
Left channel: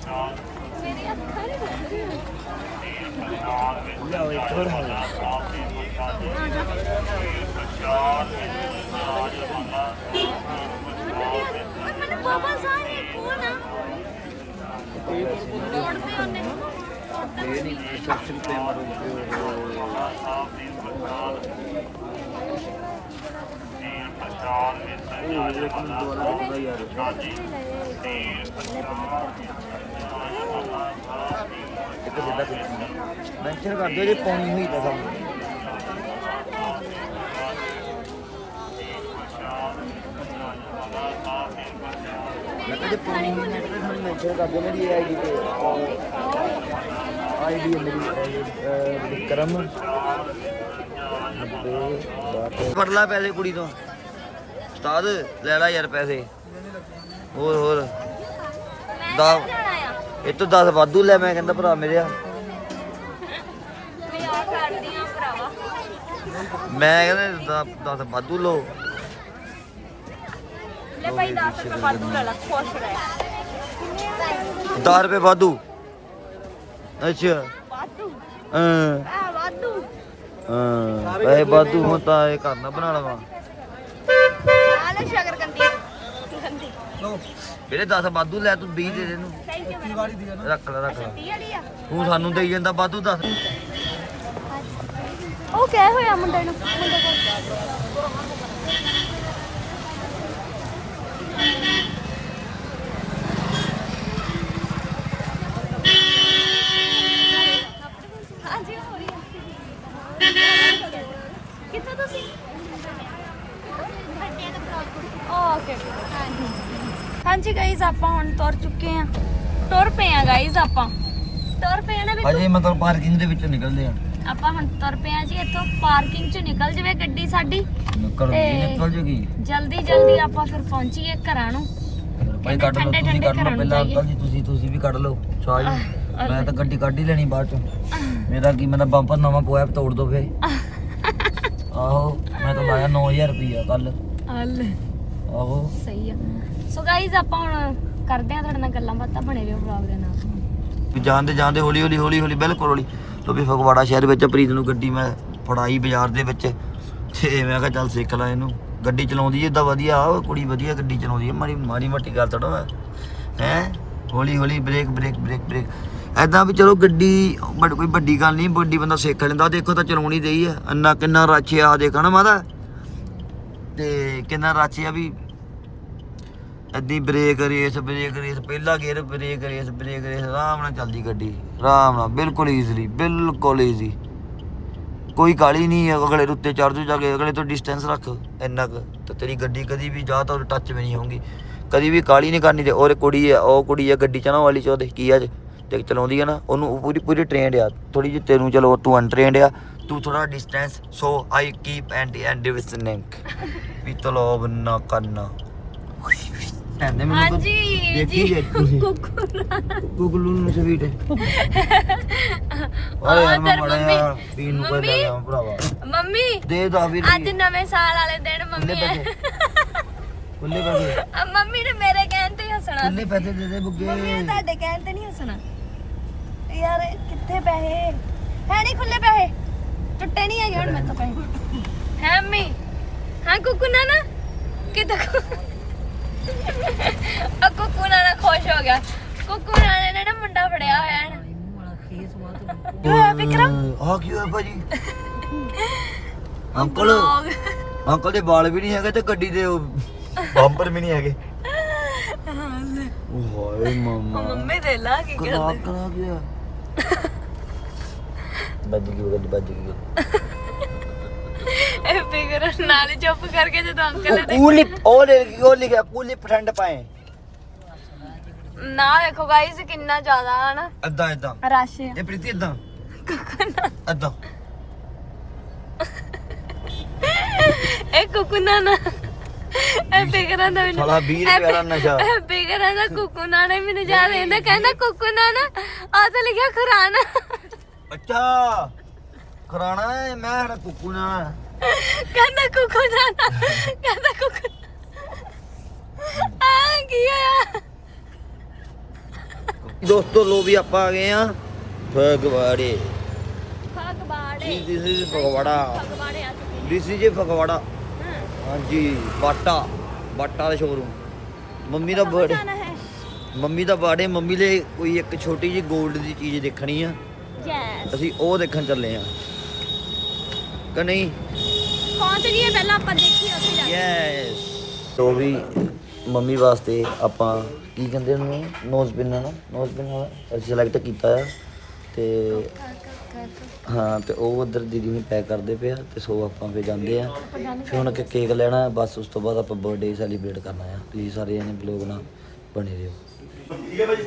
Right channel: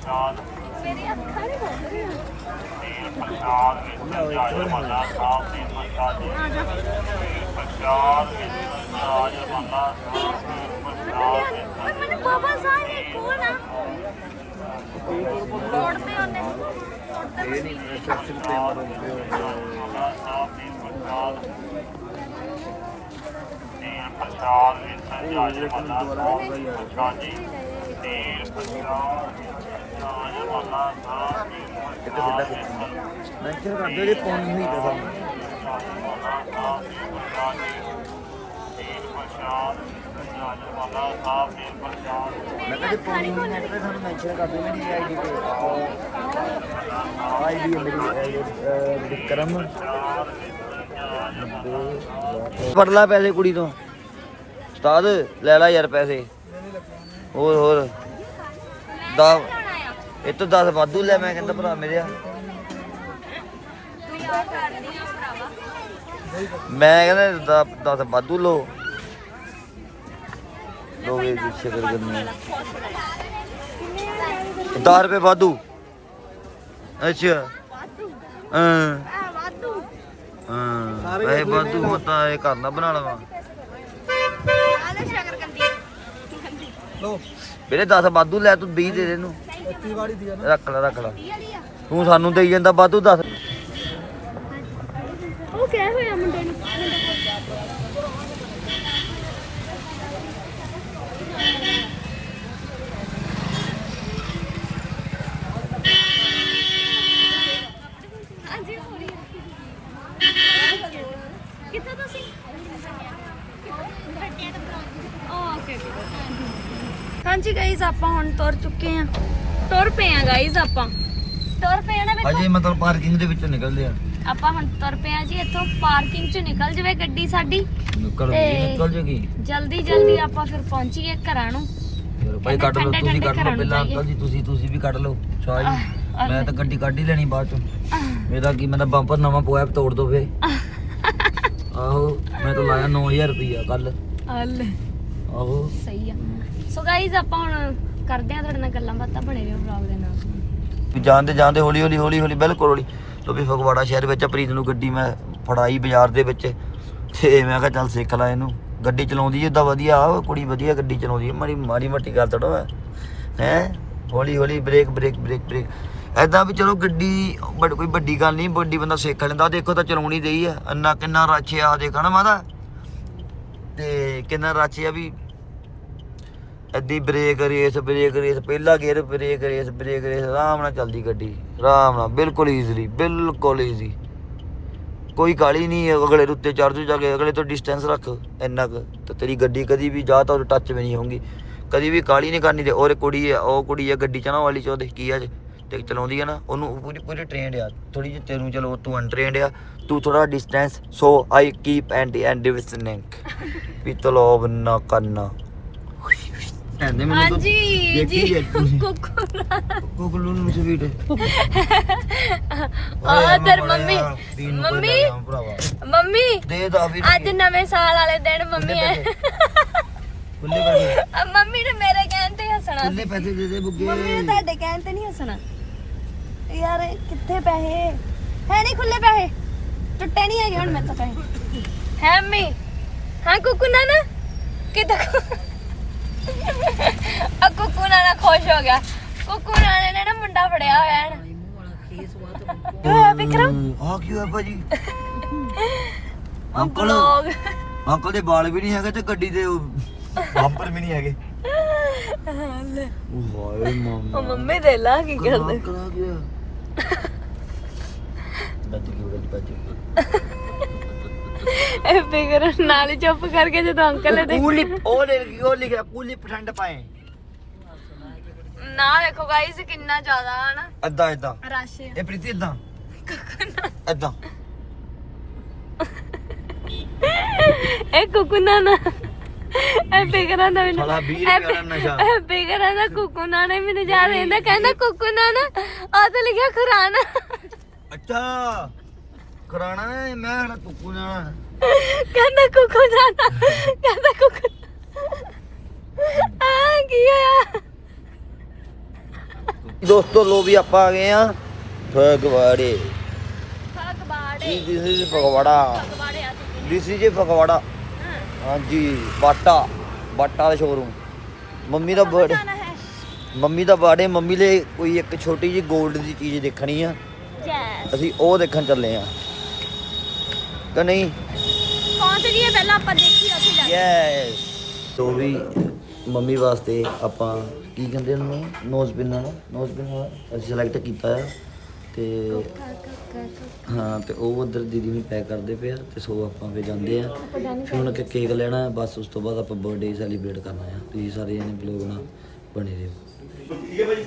ਮੇਰੀ ਅੱਖਾਂ ਨਹੀਂ ਖੁੱਲ ਰਹੀਆਂ ਲਿਆਓ ਇੱਕ ਹੋਰ ਹਾਂ ਆ ਜਾ ਮੈਨੂੰ ਧਿਆਨ ਓਏ ਮੈਨੂੰ ਬਾਬਾ ਸਾਹਿਬ ਨੇ ਕੋਲ ਨਾ ਛੋੜਦੇ ਉਹਨੇ ਛੋੜਦੇ ਇਹ ਨਹੀਂ ਸੈਕਸ਼ਨ ਤੇ ਮਾਰੋ ਪਿਓ ਉਹ ਇੱਕ ਮਿੰਟ ਦੁਬਾਰਾ ਦੇਖਦਾ ਯਾਰ ਇੱਕ ਜਿੱਦਾਂ ਕਿੱਥੇ ਮੈਂਸ਼ਨ ਕਰ ਦਿਓ, ਜੇ ਪਾਉਣੀ ਹੋਈ ਤਾਂ ਸਾਨੂੰ। ਮੈਂ ਕਹਿੰਦਾ ਪਾਉਣੀ ਹੋਈ ਤਾਂ ਸਾਨੂੰ ਮੈਂਸ਼ਨ ਕਰ ਦਿਓ, ਮੇਰੀ ਆਈਡੀ ਤੇ। ਆਈਡੀ ਮੇਰੀ ਵਿਕਰਮ 90 ਫੜ ਪੈਸੇ ਕੁੜੀ ਤੋਂ। ਉਸਤਾਦ, ਲੈ ਲੈ ਯਾਰ ਪੈਸੇ। ਹੋਰ ਹੋਰ। ਦਾ ਇਹ ਤੋਂ 10 ਵਾਧੂ ਲੈ ਮੈਂ ਕਹਿੰਦਾ ਭਰਾ ਮੇਰੇ ਆ। ਮਜ਼ਾਕ ਕਰਦੀ ਆ ਭਰਾਵਾ ਮੈਂ ਕਹਿੰਦਾ 10 ਵਾਧੂ ਲੋ ਸ਼ਕਰ ਕਰਨੀ 10 ਰੁਪਏ ਵਾਧੂ। ਅੱਛਾ। ਵਾਧੂ। ਹਾਂ। ਵਾਧੂ। ਹਾਂ ਪੈਸੇ ਵਾਧੂ ਹੁਣ ਤਾਂ ਇਹ ਘਰ ਨਾ ਬਣਾ ਲਵਾਂ। ਆਲੇ ਸ਼ਗਰ ਕੰਦੀ ਕੰਦੀ ਵੀਰੇ 10 ਵਾਧੂ ਲੈ ਤੂੰ 20 ਦੇ ਦੇ ਇਹਨੂੰ। ਥੈਂਕ ਯੂ ਵਾਲੀ ਦੀ ਰੱਖ ਲੈ ਰੱਖ ਲੈ। ਤੂੰ ਸਾਨੂੰ ਦੇਈ ਜਾਂਦਾ ਵਾਧੂ 10 ਉਹ ਕਿਆ ਹੋਇਆ ਮੁੰਡੇ ਨੂੰ, ਮੁੰਡੇ ਕੋਲ ਹਾਂਜੀ ਹੋ ਰਹੀ ਹੈ ਕਿੱਥੇ ਤੁਸੀਂ ਵੱਡੇ ਦਾ ਬਲੌਗ ਓਕੇ ਹਾਂਜੀ ਹਾਂਜੀ ਗਾਇਸ ਆਪਾਂ ਹੁਣ ਤੁਰ ਚੁੱਕੇ ਆ ਤੁਰ ਪਏ ਆ ਗਾਇਸ ਆਪਾਂ ਤੁਰ ਪਏ ਆ ਨਾ ਵੇਖੋ ਅਜੇ ਮਤਲਬ ਪਾਰਕਿੰਗ ਦੇ ਵਿੱਚੋਂ ਨਿਕਲਦੇ ਆ। ਆਪਾਂ ਹੁਣ ਤੁਰ ਪਏ ਆ ਜੀ ਇੱਥੋਂ ਪਾਰਕਿੰਗ ਚ ਨਿਕਲ ਜਵੇ ਗੱਡੀ ਸਾਡੀ। ਨਿਕਲ ਤੇ- ਨਿਕਲ ਜੇਗੀ। ਜਲਦੀ ਜਲਦੀ ਆਪਾਂ ਫਿਰ ਪਹੁੰਚੀਏ ਘਰਾਂ ਨੂੰ। ਚਲੋ ਭਾਈ ਕੱਢ ਲਓ ਤੁਸੀਂ ਠੰਡੇ ਕੱਢ ਘਰਾਂ ਲਓ ਪਹਿਲਾਂ। ਅੰਕਲ ਜੀ ਤੁਸੀਂ ਤੁਸੀਂ ਵੀ ਕੱਢ ਲਓ ਸ਼ਾਹ ਜੀ। ਮੈਂ ਤਾਂ ਗੱਡੀ ਕੱਢ ਹੀ ਲੈਣੀ ਬਾਅਦ ਚੋਂ। ਮੇਰਾ ਕੀ ਮੈਂ ਤਾਂ ਬੰਪਰ ਨਵਾਂ ਪੋਇਆ ਤੋੜ ਦੋ ਫੇ। ਆਹੋ ਮੈਂ ਤਾਂ ਲਾਇਆ 9000 ਰੁਪਈਆ ਕੱਲ ਹਲ। ਆਹੋ। ਸਹੀ ਆ। ਸੋ ਗਾਈਜ਼ ਆਪਾਂ ਹੁਣ ਕਰਦੇ ਆ ਤੁਹਾਡੇ ਨਾਲ ਗੱਲਾਂ ਬਾਤਾਂ ਬਣੇ ਰਹੋ ਵਲੌਗ ਦੇ ਨਾਲ। ਜਾਂਦੇ ਜਾਂਦੇ ਹੌਲੀ ਹੌਲੀ ਹੌਲੀ ਹੌਲੀ, ਬਿਲਕੁਲ ਹੌਲੀ। ਕਿਉਂਕਿ ਫਗਵਾੜਾ ਸ਼ਹਿਰ ਵਿੱਚ ਪ੍ਰੀਤ ਨੂੰ ਗੱਡੀ ਮੈਂ ਫੜਾਈ ਬਾਜ਼ਾਰ ਦੇ ਵਿੱਚ। ਤੇ ਮੈਂ ਕਿਹਾ ਚੱਲ ਸਿੱਖ ਲੈ ਇਹਨੂੰ। ਗੱਡੀ ਚਲਾਉਂਦੀ ਏਦਾਂ ਵਧੀਆ ਆ ਕੁੜੀ ਵਧੀਆ ਗੱਡੀ ਚਲਾਉਂਦੀ ਹੈ ਮਾੜੀ ਮਾੜੀ ਮੱਟੀ ਗੱਲ ਥੋੜਾ ਹੈ? ਹੌਲੀ ਹੌਲੀ ਬ੍ਰੇਕ ਬ੍ਰੇਕ ਬ੍ਰੇਕ ਬ੍ਰੇਕ। ਐਦਾਂ ਵੀ ਚਲੋ ਗੱਡੀ, ਬੜ ਕੋਈ ਵੱਡੀ ਗੱਲ ਨਹੀਂ ਵੱਡੀ ਬੰਦਾ ਸਿੱਖ ਲੈਂਦਾ ਦੇਖੋ ਤਾਂ ਚਲਾਉਣੀ ਦੇਈ ਆ। ਅੰਨਾ ਕਿੰਨਾ ਰੱਛ ਆ ਦੇਖਾ ਨਾ ਮਾਦਾ ਤੇ ਕਿੰਨਾ ਰੱਛ ਆ ਵੀ ਐਦੀ ਬ੍ਰੇਕ ਰੇਸ ਬ੍ਰੇਕ ਰੇਸ ਪਹਿਲਾ gear brake race brake race ਆਰਾਮ ਨਾਲ ਚੱਲਦੀ ਗੱਡੀ, ਆਰਾਮ ਨਾਲ, ਬਿਲਕੁਲ ਈਜ਼ੀਲੀ ਬਿਲਕੁਲ ਈਜ਼ੀ ਕੋਈ ਕਾਲੀ ਨਹੀਂ ਅਗਲੇ ਦੇ ਉੱਤੇ ਚੜ ਜੂ, ਜਾ ਕੇ ਅਗਲੇ ਤੋਂ ਡਿਸਟੈਂਸ ਰੱਖ, ਇੰਨਾ ਕੁ, ਤੇ ਤੇਰੀ ਗੱਡੀ ਕਦੀ ਵੀ ਜਾ ਤਾਂ ਟੱਚ ਵੀ ਨਹੀਂ ਹੋਊਗੀ। ਕਦੀ ਵੀ ਕਾਲੀ ਨਹੀਂ ਕਰਨੀ ਤੇ ਔਰ ਕੁੜੀ ਹੈ ਉਹ ਕੁੜੀ ਆ ਗੱਡੀ ਚਲਾਉਣ ਵਾਲੀ ਚ ਉਹਦੇ, ਕੀ ਆ ਤੇ ਚਲਾਉਂਦੀ ਆ ਨਾ, ਉਹਨੂੰ ਪੂਰੀ ਪੂਰੀ ਟ੍ਰੇਨਡ ਆ ਥੋੜੀ ਜਿਹੀ ਤੈਨੂੰ ਚਲੋ ਤੂੰ ਅਨਟ੍ਰੇਨਡ ਆ, ਤੂੰ ਥੋੜਾ distance so I keep and and listening ਵੀ ਤਲੋਬ ਨਾ ਕਰਨਾ। ਐਂਦੇ ਮੈਨੂੰ ਹਾਂਜੀ ਦੇਖੀ ਜੀ। ਤੁਸੀਂ ਕੁਕਲੂ ਨੂੰ ਸਵੀਟ। ਓਏ ਆ ਮੜਾ ਮੰਮੀ। ਨੂੰ ਮੰਮੀ। ਭਰਾਵਾ। ਮੰਮੀ ਦੇ ਦਾ ਵੀ ਅੱਜ ਨਵੇਂ ਸਾਲ ਵਾਲੇ ਦਿਨ ਮੰਮੀ। ਕੁੱਲੇ ਪੈਸੇ। ਆ, ਮੰਮੀ ਨੇ ਮੇਰੇ ਕਹਿਣ ਤੇ ਹੱਸਣਾ ਕੁੱਲੇ ਪੈਸੇ ਦੇ ਦੇ ਬੁੱਗੇ। ਮੰਮੀ ਨੇ ਤੁਹਾਡੇ ਕਹਿਣ ਤੇ ਨਹੀਂ ਹੱਸਣਾ। ਯਾਰ ਕਿੱਥੇ ਪੈਸੇ? ਹੈ ਨਹੀਂ ਖੁੱਲੇ ਪੈਸੇ। ਟੁੱਟੇ ਨਹੀਂ ਹੈਗੇ ਹੁਣ ਮੇਰੇ ਤੋਂ ਪੈਸੇ। ਹੈ ਮੰਮੀ ਹਾਂ ਕੁਕੂ ਨਾ ਨਾ। ਕਿਤੇ ਆ ਕੁੱਕੂ ਨਾਲ ਖੁਸ਼ ਹੋ ਗਿਆ। ਕੁੱਕੂ ਨਾਲ ਨੇ ਨਾ ਮੁੰਡਾ ਫੜਿਆ ਹੋਇਆ ਹੈ। ਹੋਇਆ ਵਿਕਰਮ? ਆ ਕੀ ਹੋਇਆ ਭਾਜੀ? ਅੰਕਲ ਲੋਗ ਅੰਕਲ ਦੇ ਵਾਲ ਵੀ ਨਹੀਂ ਹੈਗੇ ਤੇ ਗੱਡੀ ਦੇ ਬੰਪਰ ਵੀ ਨਹੀਂ ਹੈਗੇ। ਉਹ ਹਾਏ ਮਮਾ। ਮੰਮੀ ਦੇ ਲਾ ਕੀ ਕਰਦੇ? ਬੱਜ ਗਈ ਬੱਜ ਗਈ। ਇਹ ਫਿਕਰ ਨਾਲ ਹੀ ਚੁੱਪ ਕਰਕੇ ਜਦੋਂ ਅੰਕਲ ਨੇ ਕੂਲੀ ਉਹ ਲਿਖ ਉਹ ਲਿਖਿਆ ਕੂਲੀ ਪਠੰਡ ਪਾਏ। ਨਾ ਦੇਖੋ ਗਾਇਸ ਕਿੰਨਾ ਜ਼ਿਆਦਾ ਹੈ ਨਾ ਅੱਦਾਂ ਇਦਾਂ ਰਸ਼ ਹੈ ਇਹ ਪ੍ਰੀਤੀ ਇਦਾਂ ਇਦਾਂ ਇਹ ਕੁਕੁਨਾ ਨਾ ਇਹ ਫਿਕਰਾਂ ਦਾ ਮੈਨੂੰ ਸਾਲਾ 20 ਰੁਪਏ ਦਾ ਨਸ਼ਾ। ਇਹ ਫਿਕਰਾਂ ਦਾ ਕੁਕੁਨਾ ਨੇ ਮੈਨੂੰ ਯਾਦ ਰਹਿੰਦਾ ਕਹਿੰਦਾ ਕੁਕੁਨਾ ਨਾ ਆ ਤਾਂ ਲਿਖਿਆ ਖੁਰਾਨਾ। ਅੱਛਾ। ਕਰਾਣਾ ਹੈ ਮੈਂ ਹਣਾ ਕੁੱਕੂ ਨਾਲ। ਕਹਿੰਦਾ ਕੁਕੁਨਾ ਨਾ ਕਹਿੰਦਾ ਕੁਕੁਨਾ ਆ ਕੀ ਹੋਇਆ? ਦੋਸਤੋ ਲੋ ਵੀ ਆਪਾਂ ਆ ਗਏ ਆ ਫਗਵਾੜੇ। ਫਗਵਾੜੇ। This is Phagwara. ਫਗਵਾੜੇ ਆ ਚੁੱਕੇ ਦਿਸ ਇਜ਼ ਫਗਵਾੜਾ। ਹਾਂਜੀ ਬਾਟਾ। ਬਾਟਾ ਦਾ ਸ਼ੋਰੂਮ ਮੰਮੀ ਦਾ ਬਰਥਡੇ ਮੰਮੀ ਦਾ ਬਰਥਡੇ ਮੰਮੀ ਲਈ ਕੋਈ ਇੱਕ ਛੋਟੀ ਜੀ 골ਡ ਦੀ ਚੀਜ਼ ਦੇਖਣੀ ਆ। ਜੈਸ। ਅਸੀਂ ਉਹ ਦੇਖਣ ਚੱਲੇ ਆ। ਕਿ ਨਹੀਂ। ਪਹੁੰਚ ਗਏ ਪਹਿਲਾਂ ਆਪਾਂ ਦੇਖੀ ਉੱਥੇ ਜਾ ਕੇ। ਯੈਸ ਤੋ ਵੀ ਮੰਮੀ ਵਾਸਤੇ ਆਪਾਂ ਕੀ ਕਹਿੰਦੇ ਉਹਨੂੰ? ਨੋਜ਼ ਪਿਨ ਨਾ। ਨੋਜ਼ ਪਿਨ ਅਸੀਂ ਸਿਲੈਕਟ ਕੀਤਾ ਆ। ਤੇ ਹਾਂ ਤੇ ਉਹ ਉਧਰ ਦੀਦੀ ਨੂੰ ਪੈਕ ਕਰਦੇ ਪਿਆ ਤੇ ਸੋ ਆਪਾਂ ਫੇ ਜਾਂਦੇ ਆ। ਫਿਰ ਹੁਣ ਕਿ ਕੇਕ ਲੈਣਾ ਬਸ ਉਸ ਤੋਂ ਬਾਅਦ ਆਪਾਂ ਬਰਥਡੇ ਸੈਲੀਬ੍ਰੇਟ ਕਰਨਾ ਆ। ਤੁਸੀਂ ਸਾਰੇ ਜਣੇ ਬਲੌਗ ਨਾਲ ਬਣੇ ਰਹੋ। ਠੀਕ ਹੈ ਭਾਜੀ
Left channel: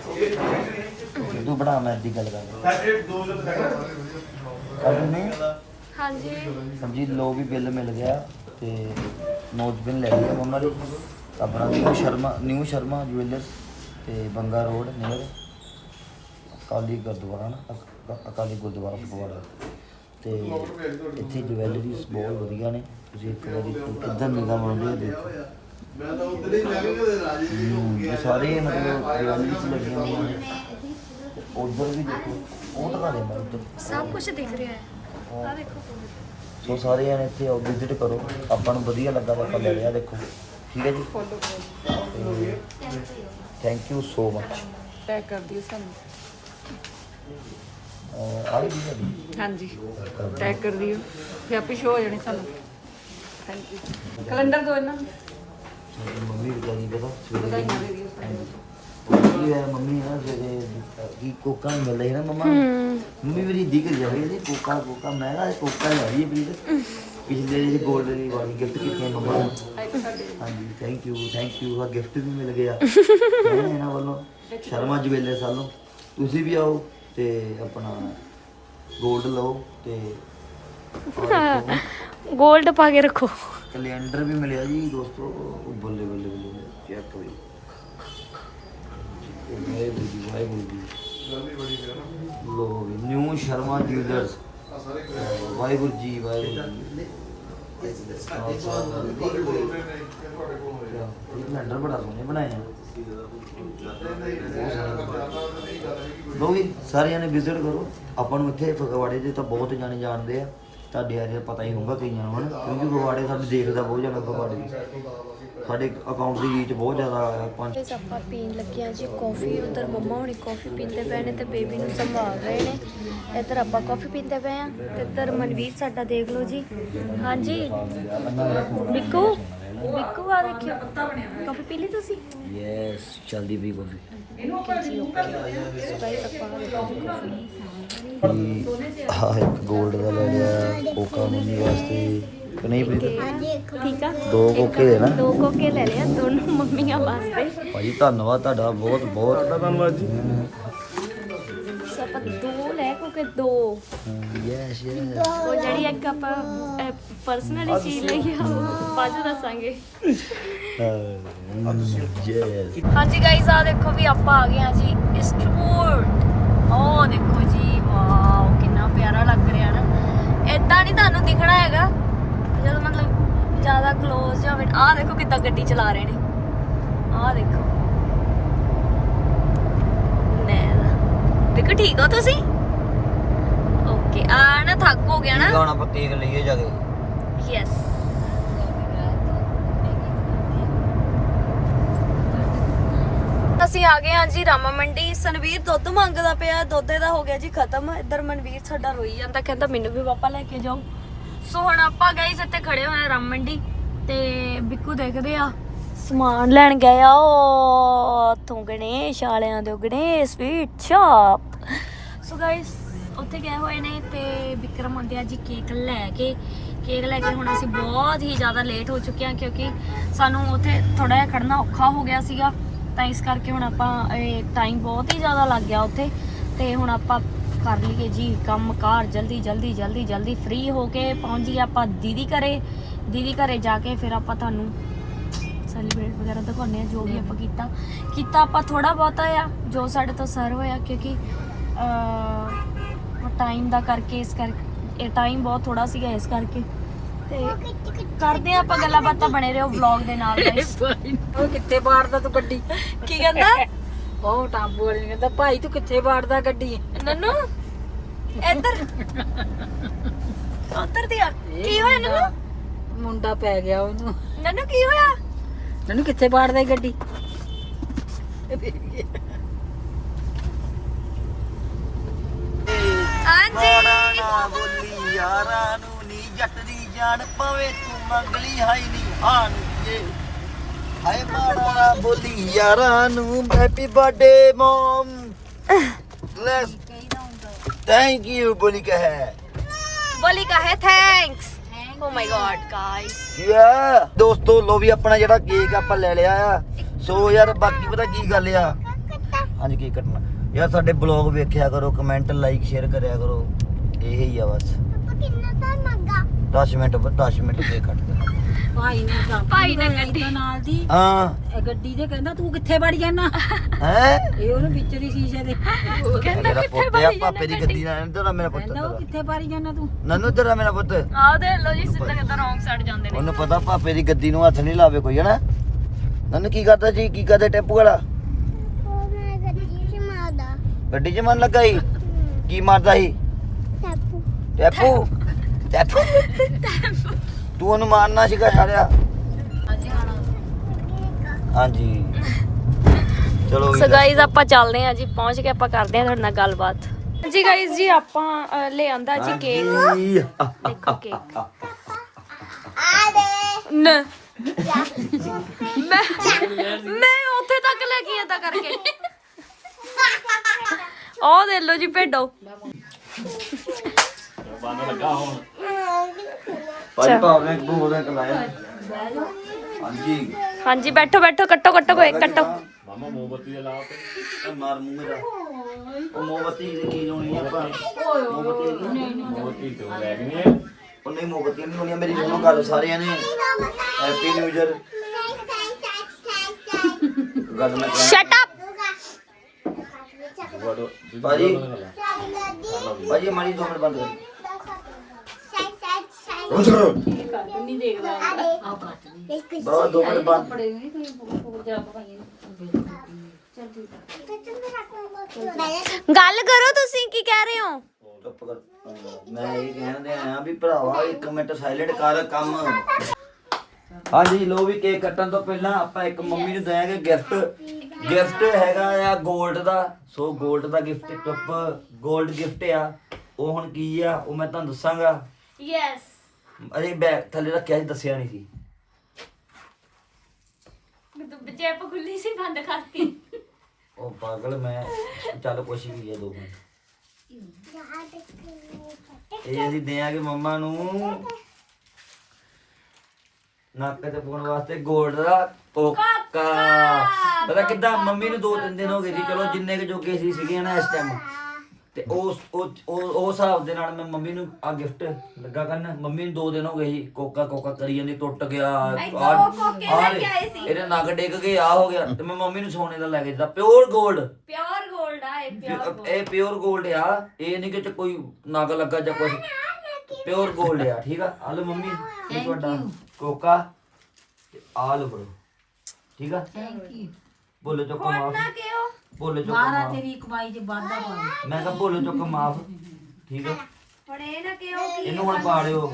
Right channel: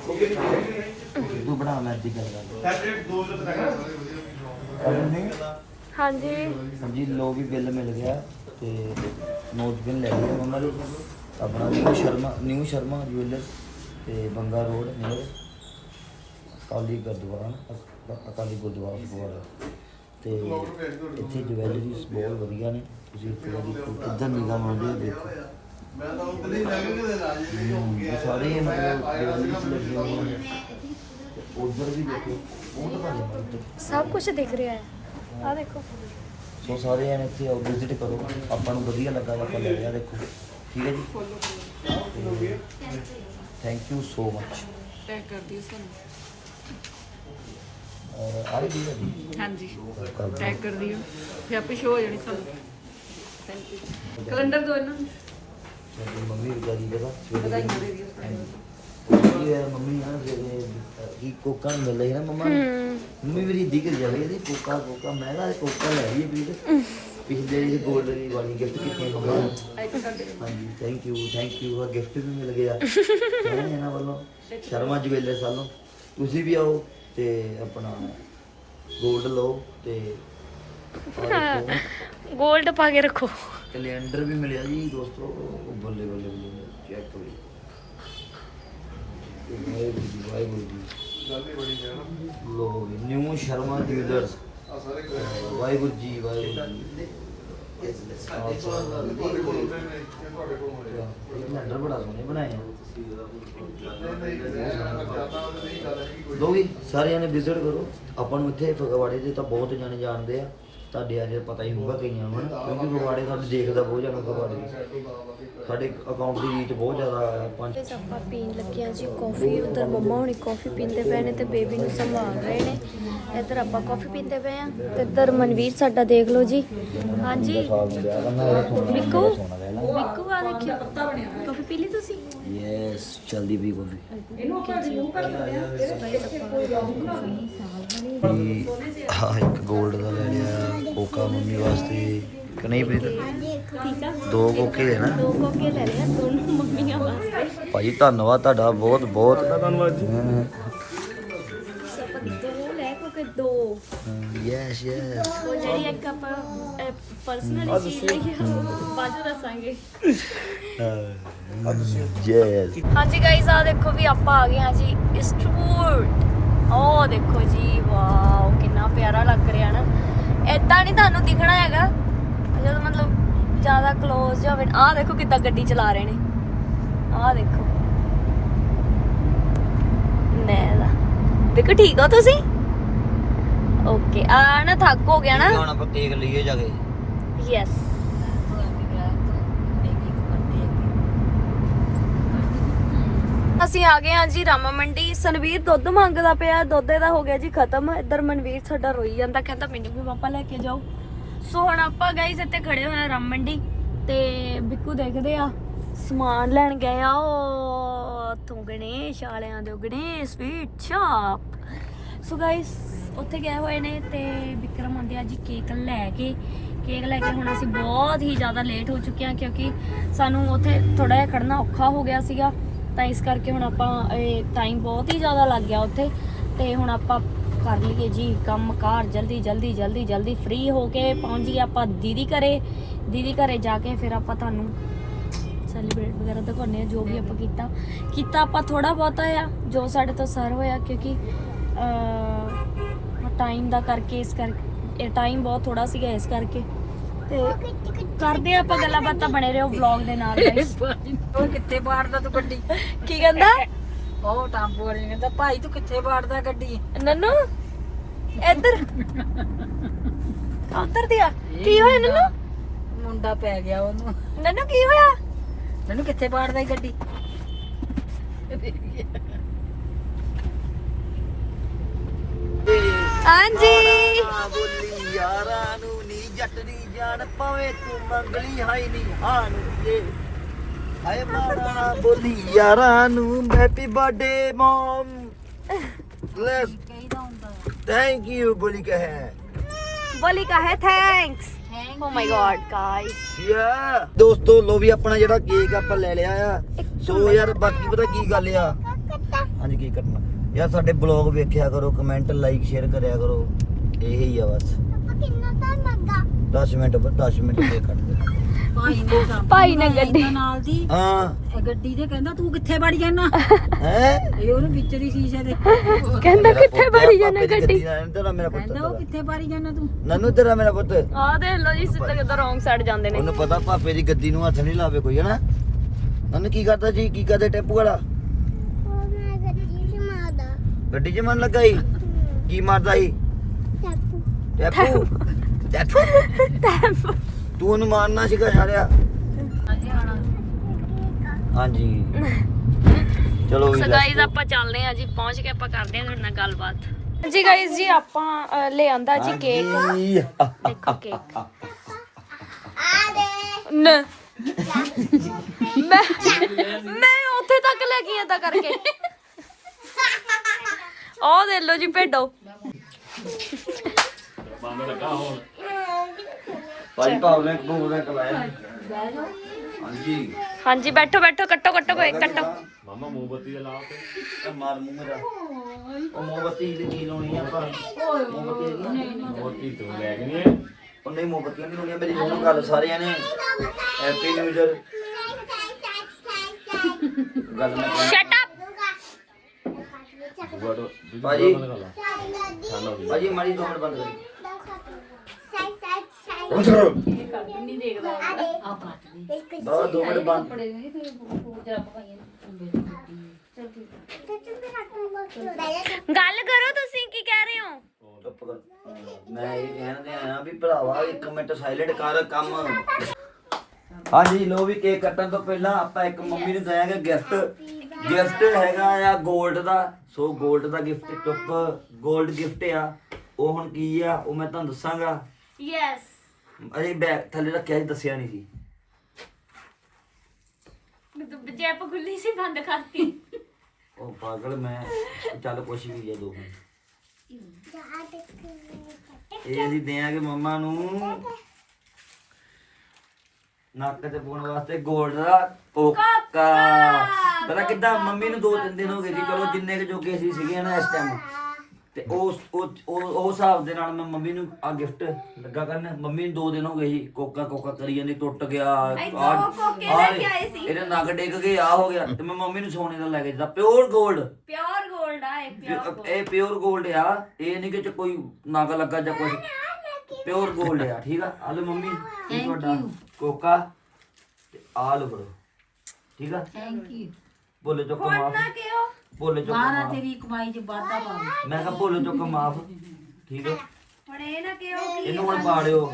ਤੂੰ ਬਣਾ ਮੈਂ ਦੀ ਗੱਲ ਕਰ ਨਹੀਂ? ਹਾਂਜੀ। ਹਾਂਜੀ ਲੋ ਵੀ ਬਿੱਲ ਮਿਲ ਗਿਆ ਤੇ ਨੋਟ ਬਿੱਲ ਲੈ ਲਿਆ ਮੰਮਾ ਲਈ ਆਪਣਾ new Sharma new Sharma jewellers ਤੇ ਬੰਗਾ ਰੋਡ ਨੀਅਰ ਅਕਾਲੀ ਗੁਰਦੁਆਰਾ ਨਾ ਅਕ- ਅਕਾਲੀ ਗੁਰਦੁਆਰਾ ਫਗਵਾੜਾ ਤੇ ਇੱਥੇ ਜੁਐਲਰੀਜ਼ ਬਹੁਤ ਵਧੀਆ ਨੇ। ਤੁਸੀਂ ਇੱਕ ਵਾਰੀ ਕਿੱਦਾਂ ਨਿਗਾਹ ਮਾਰਦੇ ਹੋ ਦੇਖੋ। ਹਮ, ਇਹ ਸਾਰੇ ਮਤਲਬ ਜੁਐਲਰੀਜ਼ ਲੱਗੀਆਂ ਹੋਈਆਂ ਨੇ। ਉਧਰ ਵੀ ਦੇਖੋ ਉਹ ਦਿਖਾ ਦੇ ਮੈਂ ਉੱਧਰ ਸਭ ਕੁਝ ਦਿਖ ਰਿਹਾ ਹੈ। ਆ ਦੇਖੋ। ਸੋ ਸਾਰੇ ਜਣੇ ਇੱਥੇ ਆਓ ਵਿਜ਼ਿਟ ਕਰੋ। ਆਪਾਂ ਨੂੰ ਵਧੀਆ ਲੱਗਾ ਤਾਂ ਆਪਾਂ ਲੈ ਲਿਆ ਦੇਖੋ। ਠੀਕ ਹੈ ਜੀ? Thank you so much pack ਕਰ ਦਿਓ ਸਾਨੂੰ। ਆ ਰਹੀ ਹੈ ਜੀ? ਹਾਂਜੀ। ਕਰ ਦਿਓ। ਪੈਕ ਕਰ ਦਿਓ ਫਿਰ ਆਪੇ ਸ਼ੋ ਹੋ ਜਾਣੀ ਸਾਨੂੰ। ਕੈਲੰਡਰ ਦੋ ਇਹਨਾਂ ਨੂੰ। ਸਾਡੀ ਮੰਮੀ ਵਿਚਾਰੀ ਪਤਾ ਸਵੇਰੇ ਦੀ ਕੀ ਹੈ ਮੰਮੀ ਨਾ ਸਵੇਰੇ ਕੀ ਕੋਕਾ ਮਿਲ ਨਾ ਮਮਾ ਮੰਮੀ ਮੇਰੀ ਦੀ ਕਰ ਜਾਵੇ ਇਹਦੇ ਕੋਕਾ ਕੋਕਾ ਮੈਂ ਕਿਹਾ ਇਹ ਕੋਕਾ ਨਹੀਂ ਆ ਰਹੀ ਹੈ। ਪਲੀਜ਼ ਪਿਛਲੇ ਜਿਹੜੇ ਗੋਲਡ ਦੀ ਵਾਲੀ ਗਿਫਟ ਕੀਤੀਆਂ ਮੰਮਾ ਨੂੰ। ਹਾਂਜੀ ਥੈਂਕ ਯੂ ਥੈਂਕ ਯੂ ਆ ਗਿਫਟ ਵੀ ਮਿਲ ਗਿਆ। ਹੈਂ, ਇਹਨਾਂ ਵੱਲੋਂ ਸ਼ਰਮਾ ਜਵੇਲੇ ਸਾਲੋਂ। ਤੁਸੀਂ ਵੀ ਆਓ ਤੇ ਆਪਣਾ ਗੋਲਡ ਲਓ ਤੇ 골ਡ ਪਾ ਕੇ ਰੱਖੋ। ਕੈਲੰਡਰ ਵੀ ਮਿਲਿਆ ਜੀ ਦੋਸਤੋ ਬੱਲੇ ਬੱਲੇ ਬੱਲੇ ਚੈੱਕ ਕਰੋ ਵਾਹਿਗੁਰੂ ਜੀ ਵਾਹਿਗੁਰੂ ਜੀ ਲੋ ਵੀ ਨਿਊ ਸ਼ਰਮਾ ਜੁਐਲਰਸ ਵਾਹਿਗੁਰੂ ਜੀ ਵਾਹਿਗੁਰੂ ਜੀ ਕੈਲੰਡਰ ਬੜਾ ਸੋਹਣੇ ਬਣਾਏ ਆ ਲੋ ਵੀ ਸਾਰਿਆਂ ਨੇ ਵਿਜ਼ਿਟ ਕਰੋ। ਆਪਾਂ ਨੂੰ ਇੱਥੇ ਫਗਵਾੜੇ ਦੇ ਤਾਂ ਬਹੁਤ ਜਾਣੇ ਜਾਣਦੇ ਆ। ਤੁਹਾਡੇ ਅਜੇ ਪਤਾ ਹੀ ਹੋਊਗਾ ਕਈਆਂ ਨੂੰ ਕਿਉਂਕਿ ਫਗਵਾੜੇ ਸਾਡੇ ਦੇਖਦਾ ਬਹੁਤ ਜਾਣਾ ਫਗਵਾੜੇ। ਸਾਡੇ ਅਕਾਊਂਟ ਦੀ ਰੀਚ ਬਹੁਤ ਜ਼ਿਆਦਾ ਆ ਪੰਜ ਇਸ ਆਪਾਂ ਪੀਣ ਲੱਗਿਆ ਜੀ ਕਾਫੀ ਉਧਰ ਮੰਮਾ ਹੁਣੀ ਕਾਫੀ ਪੀਂਦੇ ਪਏ ਨੇ ਤੇ ਬੇਬੀ ਨੂੰ ਸੰਭਾਲ ਰਹੇ ਨੇ। ਇੱਧਰ ਆਪਾਂ ਕਾਫੀ ਪੀਂਦੇ ਪਏ ਆ ਇੱਧਰ ਮਨਵੀਰ ਸਾਡਾ ਦੇਖ ਲਓ ਜੀ। ਹਾਂਜੀ। ਬਿੱਕੂ ਬਿੱਕੂ ਆ ਦੇਖਿਓ। ਕਾਫੀ ਪੀ ਲਈ ਤੁਸੀਂ? ਯੈਸ ਚਲਦੀ ਵੀ ਸੋ ਗਾਇਸ ਆਪਾਂ ਕਾਫੀ ਹਾਂ ਇੱਕ 골ਡ ਦਾ ਲੈ ਲਿਆ ਕੋਕਾ ਮੰਮੀ ਵਾਸਤੇ। ਕਿ ਨਹੀਂ ਪ੍ਰੀਤ ਠੀਕ ਆ? ਦੋ ਕੋਕੇ ਦੇ ਨਾ। ਦੋ ਕੋਕੇ ਲੈ ਲਿਆ ਦੋਨੋਂ ਮੰਮੀਆਂ ਵਾਸਤੇ। ਭਾਜੀ ਧੰਨਵਾਦ ਤੁਹਾਡਾ ਬਹੁਤ ਬਹੁਤ। ਧੰਨਵਾਦ ਜੀ। ਸੋ ਆਪਾਂ ਦੋ ਲੈ ਕੋਕੇ ਦੋ। ਯੈਸ ਯੈਸ ਉਹ ਜਿਹੜੀ ਇੱਕ ਆਪਾਂ ਪਰਸਨਲੀ ਚੀਜ਼ ਲਈ ਆ ਉਹ ਬਾਅਦ ਚ ਦੱਸਾਂਗੇ ਯੈਸ ਹਾਂਜੀ ਗਾਇਸ ਆ ਦੇਖੋ ਵੀ ਆਪਾਂ ਆ ਗਏ ਆ ਜੀ ਇਸਟਵੂਡ ਉਹ ਦੇਖੋ ਜੀ ਵਾਓ ਕਿੰਨਾ ਪਿਆਰਾ ਲੱਗ ਰਿਹਾ ਨਾ। ਇਦਾਂ ਨਹੀਂ ਤੁਹਾਨੂੰ ਦਿਖਣਾ ਹੈਗਾ। ਜਦੋਂ ਮਤਲਬ ਜ਼ਿਆਦਾ ক্লোਜ਼ ਜਾਵੇ ਆਹ ਦੇਖੋ ਕਿੱਦਾਂ ਗੱਡੀ ਚਲਾ ਰਹੇ ਨੇ। ਆਹ ਦੇਖੋ। ਦੇਖੋ ਠੀਕ ਹੋ ਤੁਸੀਂ? ਓਕੇ ਆ ਨਾ ਥੱਕ ਹੋ ਗਿਆ ਨਾ। ਹੁਣ ਆਪਾਂ ਤੇਗ ਲਈਏ ਜਾ ਕੇ। ਯੈਸ ਅਸੀਂ ਆ ਗਏ ਹਾਂ ਜੀ ਰਾਮਾ ਮੰਡੀ। ਸਨਵੀਰ ਦੁੱਧ ਮੰਗਦਾ ਪਿਆ। ਦੁੱਧ ਇਹਦਾ ਹੋ ਗਿਆ ਜੀ ਖਤਮ। ਇੱਧਰ ਮਨਵੀਰ ਸਾਡਾ ਰੋਈ ਜਾਂਦਾ। ਕਹਿੰਦਾ ਮੈਨੂੰ ਵੀ ਪਾਪਾ ਲੈ ਕੇ ਜਾਓ। ਸੋ ਹੁਣ ਆਪਾਂ ਗਾਈਸ ਇੱਥੇ ਖੜੇ ਹੋਏ ਆ ਰਾਮ ਮੰਡੀ ਤੇ ਬਿੱਕੂ ਦੇਖਦੇ ਆ। ਸਮਾਨ ਲੈਣ ਗਏ ਆ ਉਹ ਉੱਥੋਂ ਗਣੇਸ਼ ਵਾਲਿਆਂ ਦੇ Ganesh sweet shop so guys ਉੱਥੇ ਗਏ ਹੋਏ ਨੇ ਤੇ ਵਿਕਰਮ ਆਂਡਿਆ ਜੀ ਕੇਕ ਲੈ ਕੇ। ਕੇਕ ਲੈ ਕੇ ਹੁਣ ਅਸੀਂ ਬਹੁਤ ਹੀ ਜ਼ਿਆਦਾ ਲੇਟ ਹੋ ਚੁੱਕੇ ਹਾਂ ਕਿਉਂਕਿ ਸਾਨੂੰ ਉੱਥੇ ਥੋੜਾ ਜਿਹਾ ਖੜਨਾ ਔਖਾ ਹੋ ਗਿਆ ਸੀਗਾ। ਤਾਂ ਇਸ ਕਰਕੇ ਹੁਣ ਆਪਾਂ, ਇਹ ਟਾਈਮ ਬਹੁਤ ਹੀ ਜ਼ਿਆਦਾ ਲੱਗ ਗਿਆ ਉੱਥੇ। ਤੇ ਹੁਣ ਆਪਾਂ ਕਰ ਲਈਏ ਜੀ ਕੰਮ ਕਾਰ ਜਲਦੀ ਜਲਦੀ ਜਲਦੀ ਜਲਦੀ ਫ੍ਰੀ ਹੋ ਕੇ ਪਹੁੰਚ ਗਏ ਆਪਾਂ ਦੀਦੀ ਘਰੇ। ਦੀਦੀ ਘਰੇ ਜਾ ਕੇ ਫਿਰ ਆਪਾਂ ਤੁਹਾਨੂੰ ਸੈਲੀਬ੍ਰੇਟ ਵਗੈਰਾ ਦਿਖਾਉਂਦੇ ਆ ਜੋ ਵੀ ਆਪਾਂ ਕੀਤਾ। ਕੀਤਾ ਆਪਾਂ ਥੋੜਾ ਬਹੁਤਾ ਆ ਜੋ ਸਾਡੇ ਤੋਂ ਸਰ ਹੋਇਆ ਕਿਉਂਕਿ ਟਾਈਮ ਦਾ ਕਰਕੇ ਇਸ ਕਰਕੇ ਇਹ ਟਾਈਮ ਬਹੁਤ ਥੋੜਾ ਸੀਗਾ ਇਸ ਕਰਕੇ। ਤੇ ਕਰਦੇ ਆ ਆਪਾਂ ਗੱਲਾਂ ਬਾਤਾਂ ਬਣੇ ਰਹੋ ਵਲੌਗ ਦੇ ਨਾਲ। ਉਹ ਕਿੱਥੇ ਬਾੜਦਾ ਤੂੰ ਗੱਡੀ? ਕੀ ਕਹਿੰਦਾ? ਉਹ ਟਾਂਬੂ ਵਾਲੇ ਨੇ ਕਹਿੰਦਾ ਭਾਈ ਤੂੰ ਕਿੱਥੇ ਬਾੜਦਾ ਗੱਡੀ? ਨੰਨੂ ਇੱਧਰ। ਉੱਧਰ ਦੀ ਆ। ਕੀ ਹੋਇਆ ਨੰਨੂ? ਮੁੰਡਾ ਪੈ ਗਿਆ ਉਹਨੂੰ। ਨੰਨੂ ਕੀ ਹੋਇਆ? ਮੈਨੂੰ ਕਿੱਥੇ ਬਾੜਦਾ ਇਹ ਗੱਡੀ? ਹਾਂਜੀ। ਨਾ ਬੋਲੀ ਯਾਰਾਂ ਨੂੰ ਨੀ ਜੱਟ ਦੀ ਜਾਨ ਪਾਵੇ ਤੂੰ ਮੰਗਲੀ ਹਾਈ ਨੀ। ਹਾਨ ਇਹ ਹਾਏ ਮਾਣਾ ਨਾ ਬੋਲੀ ਯਾਰਾਂ ਨੂੰ ਹੈਪੀ ਬਰਥਡੇ ਮਮ ਲੈਸ ਥੈਂਕ ਯੂ ਬੋਲੀ ਕਹੇ। ਬੋਲੀ ਕਾ ਹੈ thanks oh my god guys ਯਾ ਦੋਸਤੋ ਲੋ ਵੀ ਆਪਣਾ ਜਿਹੜਾ ਕੇਕ ਆਪਾਂ ਲੈ ਲਿਆ ਆ। ਸੋ ਯਾਰ ਬਾਕੀ ਪਤਾ ਕੀ ਗੱਲ ਆ? ਹਾਂਜੀ ਕੀ ਕੱਟਣਾ। ਯਾਰ ਸਾਡੇ ਬਲੌਗ ਵੇਖਿਆ ਕਰੋ ਕਮੈਂਟ ਲਾਈਕ ਸ਼ੇਅਰ ਕਰਿਆ ਕਰੋ। ਇਹੀ ਆ ਬਸ। 10 ਮਿੰਟ 10 ਮਿੰਟ ਦੇ ਕੱਟ। ਭਾਈ ਨੇ ਤਾਂ ਭਾਈ ਨੇ ਗੱਡੀ। ਇਹਦੇ ਨਾਲ ਦੀ। ਹਾਂ। ਇਹ ਗੱਡੀ ਦੇ ਕਹਿੰਦਾ ਤੂੰ ਕਿੱਥੇ ਵੜ ਜਾਣਾ ਹੈ? ਇਹ ਉਹਨੂੰ ਵਿੱਚ ਦੀ ਸ਼ੀਸ਼ੇ ਦੇ ਕਹਿੰਦਾ ਮੇਰਾ ਕਿੱਥੇ ਪੁੱਤ ਆ ਭਰੀ ਪਾਪੇ ਜਾਣਾ ਦੀ ਗੱਡੀ ਨਾਲ। ਤੇਰਾ ਮੇਰਾ ਪੁੱਤ ਕਹਿੰਦਾ ਉਹ ਤੇਰਾ। ਕਿੱਥੇ ਵੜ ਜਾਣਾ ਤੂੰ? ਨਨੂ ਤੇਰਾ ਮੇਰਾ ਪੁੱਤ। ਆ ਦੇ ਲੋ ਜੀ ਸਿੱਧਾ ਕਿੱਦਾਂ ਰੋਂਗ ਸਾਈਡ ਜਾਂਦੇ ਨੇ। ਉਹਨੂੰ ਪਤਾ ਪਾਪੇ ਦੀ ਗੱਡੀ ਨੂੰ ਹੱਥ ਨਹੀਂ ਲਾਵੇ ਕੋਈ ਹਨਾ? ਨਨੂ ਕੀ ਕਰਦਾ ਜੀ? ਕੀ ਕਰਦੇ ਟੈਪੂ ਵਾਲਾ? ਗੱਡੀ 'ਚ ਮਨ ਲੱਗਾ ਸੀ? ਕੀ ਮਾਰਦਾ ਸੀ? ਟੈਪੂ? ਟੈਪੂ। ਤੂੰ ਉਹਨੂੰ ਮਾਰਨਾ ਸੀਗਾ ਛਾੜਿਆ ਹਾਂਜੀ ਚਲੋ ਸੋ ਗਾਈਜ਼ ਆਪਾਂ ਚੱਲਦੇ ਆ ਜੀ ਪਹੁੰਚ ਕੇ ਆਪਾਂ ਕਰਦੇ ਆ ਤੁਹਾਡੇ ਨਾਲ ਗੱਲਬਾਤ। ਜੀ ਗਾਈਜ਼ ਜੀ ਆਪਾਂ ਲੈ ਆਂਦਾ ਜੀ ਕੇਕ। ਦੇਖੋ ਕੇਕ ਨ। ਮੈਂ ਮੈਂ ਉੱਥੇ ਤੱਕ ਲੈ ਗਈ ਏਦਾਂ ਕਰਕੇ। ਉਹ ਦੇ ਲੋ ਜੀ ਭੇਡੋ। ਭਾਜੀ ਪਾਵਰ ਬੈਂਕ ਬੋਲ ਬੈਂਕ ਲਾਇਆ ਹਾਂਜੀ। ਹਾਂਜੀ ਬੈਠੋ ਬੈਠੋ ਕੱਟੋ ਕੱਟੋ ਕੋਈ ਕੱਟੋ। ਮਾਮਾ ਮੋਮਬੱਤੀ ਜਲਾ ਤੇ। ਮਾਰ ਮੂੰਹ ਮੇਰਾ। ਉਹ ਮੋਮਬੱਤੀ ਦੀ ਕੀ ਲਾਉਣੀ ਆ ਆਪਾਂ? ਮੋਮਬੱਤੀ ਮੋਮਬੱਤੀ ਤੋਂ ਲੈ ਗਏ ਉਹ ਨਹੀਂ ਮੋਮਬੱਤੀਆਂ ਨਹੀਂ ਹੋਣੀਆਂ ਮੇਰੀ ਸੁਣੋ ਗੱਲ ਸਾਰਿਆਂ ਨੇ। ਹੈਪੀ ਨਿਊ ਇਅਰ ਗੱਲ ਮੈਂ ਕਰਾਂ। ਸ਼ਟ ਅਪ ਭਾਜੀ। ਭਾਜੀ ਮਾਰੀ ਦੋ ਮਿੰਟ ਬੰਦ ਕਰੀ। ਗੱਲ ਕਰੋ ਤੁਸੀਂ ਕੀ ਕਹਿ ਰਹੇ ਹੋ? ਮੈਂ ਇਹ ਕਹਿੰਦੇ ਆਇਆ ਵੀ ਭਰਾਵਾ 1 ਮਿੰਟ ਸਾਇਲੈਂਟ ਕਰ ਕੰਮ। ਹਾਂਜੀ ਲੋ ਵੀ ਕੇਕ ਕੱਟਣ ਤੋਂ ਪਹਿਲਾਂ ਆਪਾਂ ਇੱਕ ਮੰਮੀ ਨੂੰ ਦਿਆਂਗੇ ਗਿਫਟ ਗਿਫਟ ਹੈਗਾ ਆ ਗੋਲਡ ਦਾ। ਸੋ ਗੋਲਡ ਦਾ ਗਿਫਟ ਚੁੱਪ ਗੋਲਡ ਗਿਫਟ ਆ। ਉਹ ਹੁਣ ਕੀ ਆ ਉਹ ਮੈਂ ਤੁਹਾਨੂੰ ਦੱਸਾਂਗਾ। ਯੈਸ ਅਰੇ ਬੈਗ ਥੱਲੇ ਰੱਖਿਆ ਸੀ ਦੱਸਿਆ ਨਹੀਂ ਸੀ। ਜੈਪ ਖੁੱਲੀ ਸੀ ਬੰਦ ਕਰਤੀ ਉਹ ਪਾਗਲ ਮੈਂ। ਚੱਲ ਕੁਛ ਵੀ ਹੈ ਦੋ ਮਿੰਟ। ਇਹ ਅਸੀਂ ਦੇਾਂਗੇ ਮੰਮਾ ਨੂੰ। ਨੱਕ ਤੇ ਪਾਉਣ ਵਾਸਤੇ 골ਡ ਦਾ ਕੋਕਾ। ਪਤਾ ਕਿੱਦਾਂ ਮੰਮੀ ਨੂੰ ਦੋ ਤਿੰਨ ਦਿਨ ਹੋ ਗਏ ਸੀ ਚਲੋ ਜਿੰਨੇ ਕੁ ਜੋਗੇ ਸੀ ਸੀਗੇ ਨਾ ਇਸ ਟਾਈਮ ਤੇ ਉਹ ਉਹ- ਉਹ ਹਿਸਾਬ ਦੇ ਨਾਲ ਮੈਂ ਮੰਮੀ ਨੂੰ ਆ ਗਿਫਟ ਲੱਗਾ ਕਰਨ। ਮੰਮੀ ਨੂੰ ਦੋ ਦਿਨ ਹੋ ਗਏ ਸੀ ਕੋਕਾ ਕੋਕਾ ਕਰੀ ਜਾਂਦੀ ਟੁੱਟ ਗਿਆ ਆਹ- ਦੋ ਇਹਦੇ ਨਗ ਡਿੱਗ ਗਏ ਆ ਹੋ ਗਿਆ। ਤੇ ਮੈਂ ਮੰਮੀ ਨੂੰ ਸੋਨੇ ਦਾ ਲੈ ਕੇ ਦਿੱਤਾ ਪਿਓਰ 골ਡ ਪਿਓਰ 골ਡ ਆ ਇਹ ਪਿਓਰ ਗੋਲਡ ਇਹ ਪਿਓਰ 골ਡ ਆ ਇਹ ਨਹੀਂ ਕਿ ਕੋਈ ਨਗ ਲੱਗਾ ਜਾਂ ਕੁਝ ਪਿਓਰ 골ਡ ਆ ਠੀਕ ਆ? ਆ ਲਓ ਮੰਮੀ ਇਹ ਤੁਹਾਡਾ ਕੋਕਾ। ਤੇ ਆ ਲਓ bro, ਠੀਕ ਆ? ਥੈਂਕ ਯੂ ਬੋਲੇ ਤੋਂ ਕਮਾਫ ਨਾ ਕਿਉਂ ਬੋਲੇ ਚੁੱਕ ਮਾਫ। ਤੇਰੀ ਕਮਾਈ 'ਚ ਵਾਧਾ ਪਾਵੇ ਮੈਂ ਕਿਹਾ ਬੋਲੇ ਚੁੱਕ ਮਾਫ ਠੀਕ ਹੁਣ ਇਹ ਨਾ ਕਿਉਂ ਇਹਨੂੰ ਹੁਣ ਪਾੜਿਓ।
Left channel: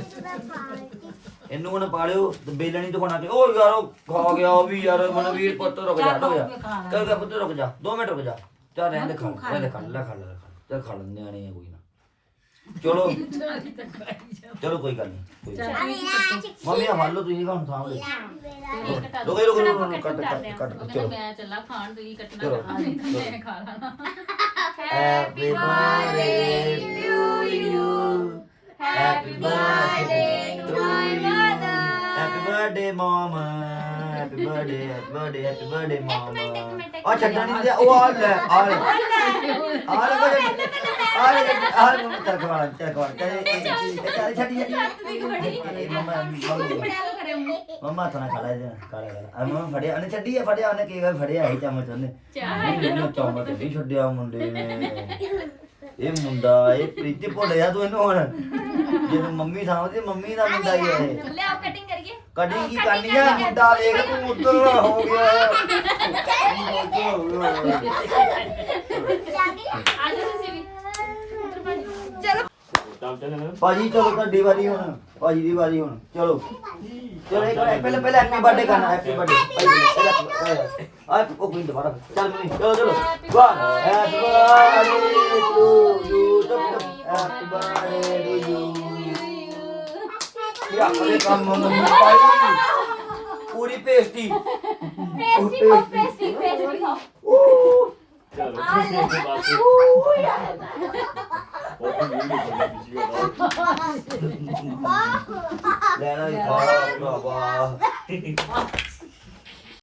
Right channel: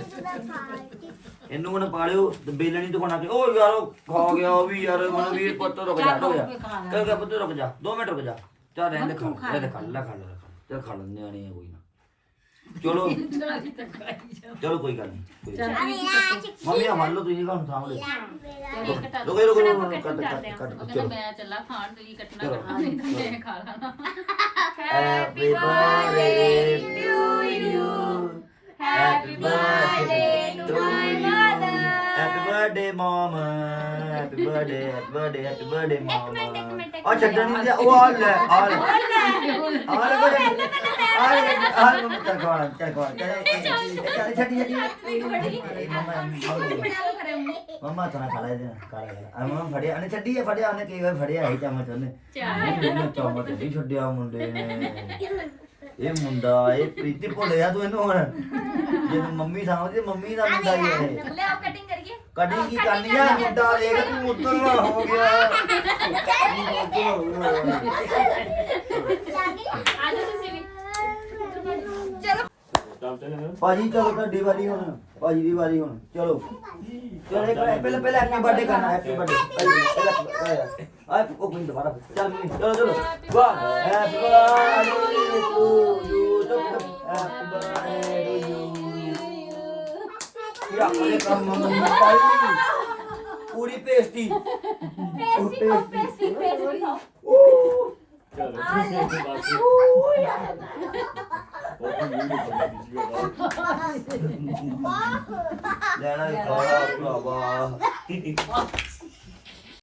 ਇਹਨੂੰ ਹੁਣ ਪਾਲਿਓ ਤੇ ਬੇਲਣ ਦਿਖਾਉਣਾ ਕਿ ਉਹ ਯਾਰ ਉਹ ਖਾ ਗਿਆ ਉਹ ਵੀ ਯਾਰ ਮਨਵੀਰ ਪੁੱਤ ਰੁਕ ਜਾ ਰੁਕ ਜਾ। ਕਰ ਪੁੱਤ ਰੁਕ ਜਾ 2 ਮਿੰਟ ਰੁਕ ਜਾ। ਚੱਲ ਰਹਿਣ ਦੇ ਖਾ ਦੇ ਖਾ ਲੈ ਖਾ ਲੈ ਚੱਲ ਖਾ ਲੈਂਦੇ ਆਣੇ ਆ ਕੋਈ ਨਾ। ਚਲੋ ਚਲੋ ਕੋਈ ਗੱਲ ਨਹੀਂ। ਮੰਮੀ ਆ ਮੰਨ ਲਓ ਤੁਸੀਂ ਹੁਣ ਸਾਂਭ ਲਓ ਰੁਕੇ ਰੁਕੇ ਰੁਕੇ ਕੱਟ ਕੱਟ ਕੱਟ ਚਲੋ ਮੈਂ ਚੱਲਾ ਖਾਣ ਤੁਸੀਂ ਕੱਟਣਾ। ਕਰਨਾ ਨਹੀਂ ਤਾਂ ਮੈਂ ਖਾ ਲੈਣਾ Happy birthday to you. Happy birthday to you. Happy birthday, mama. Happy birthday, happy birthday, happy birthday, mama. ਆ ਛੱਡਣ ਨਹੀਂ ਦਿਆ ਉਹ ਆ ਲੈ ਆ ਲੈ। ਆ ਲੈ। ਕੋਈ ਆ ਲੈ ਆ ਲੈ ਮੰਮੀ ਚੱਲ ਖਵਾ ਚੱਲ ਖਵਾ ਚੱਲ ਛੱਡੀ ਛੱਡੀ। ਮਮਾ ਮਮਾ ਤਾਂ ਖਾ ਲੈ। ਖਾ ਲੈ ਆ ਮਮਾ ਫੜਿਆ ਉਹਨੇ ਛੱਡੀ ਆ ਫੜਿਆ ਉਹਨੇ ਕਈ ਵਾਰ ਫੜਿਆ ਹੈ ਚਮਚ ਉਹਨੇ। ਚਾਹ ਚਮਚ ਨਹੀਂ ਛੱਡਿਆ ਮੁੰਡੇ ਨੇ। ਇਹ ਮੁੰਡਾ ਇਹ ਪ੍ਰੀਤੀ ਭੁੱਲਿਆ ਤੂੰ ਇਹਨੂੰ ਹੁਣ। ਜੇ ਮੰਮੀ ਸਾਹਮਣੇ ਮੰਮੀ ਦਾ ਮੁੰਡਾ ਹੀ ਹੈ ਲੈ ਆਪ ਕਟਿੰਗ ਕਰੀਏ। ਕਦੀ ਕੀ ਕਰਨੀ ਆ? ਮੁੰਡਾ ਦੇਖ ਤੂੰ ਉੱਧਰ ਹੋ ਗਿਆ। ਭਾਜੀ ਚਲੋ ਤੁਹਾਡੀ ਵਾਰੀ ਹੁਣ ਭਾਜੀ ਦੀ ਵਾਰੀ ਹੁਣ। ਚਲੋ। ਚਲੋ ਇੱਕ ਪਹਿਲਾਂ ਪਹਿਲਾਂ ਹੈਪੀ ਬਰਥਡੇ ਕਰਨਾ ਹੈਪੀ ਬਰਥਡੇ ਆਏ ਉਹ ਕੋਈ ਦੁਬਾਰਾ ਚੱਲ ਮੰਮੀ ਚਲੋ ਚਲੋ। ਵਾਹ happy birthday to you happy birthday to you ਯਾ ਅਰੇ ਕੰਮ ਮੰਮੀ ਭਾਈ ਪੂਰੀ ਪੇਸਟੀ। ਪੇਸਟੀ ਪੇਸਟੀ ਪੇਸਟੀ ਖਾਓ ਲੈਣਾ ਹੀ ਖਾਣਾ ਭਰਾਵਾ।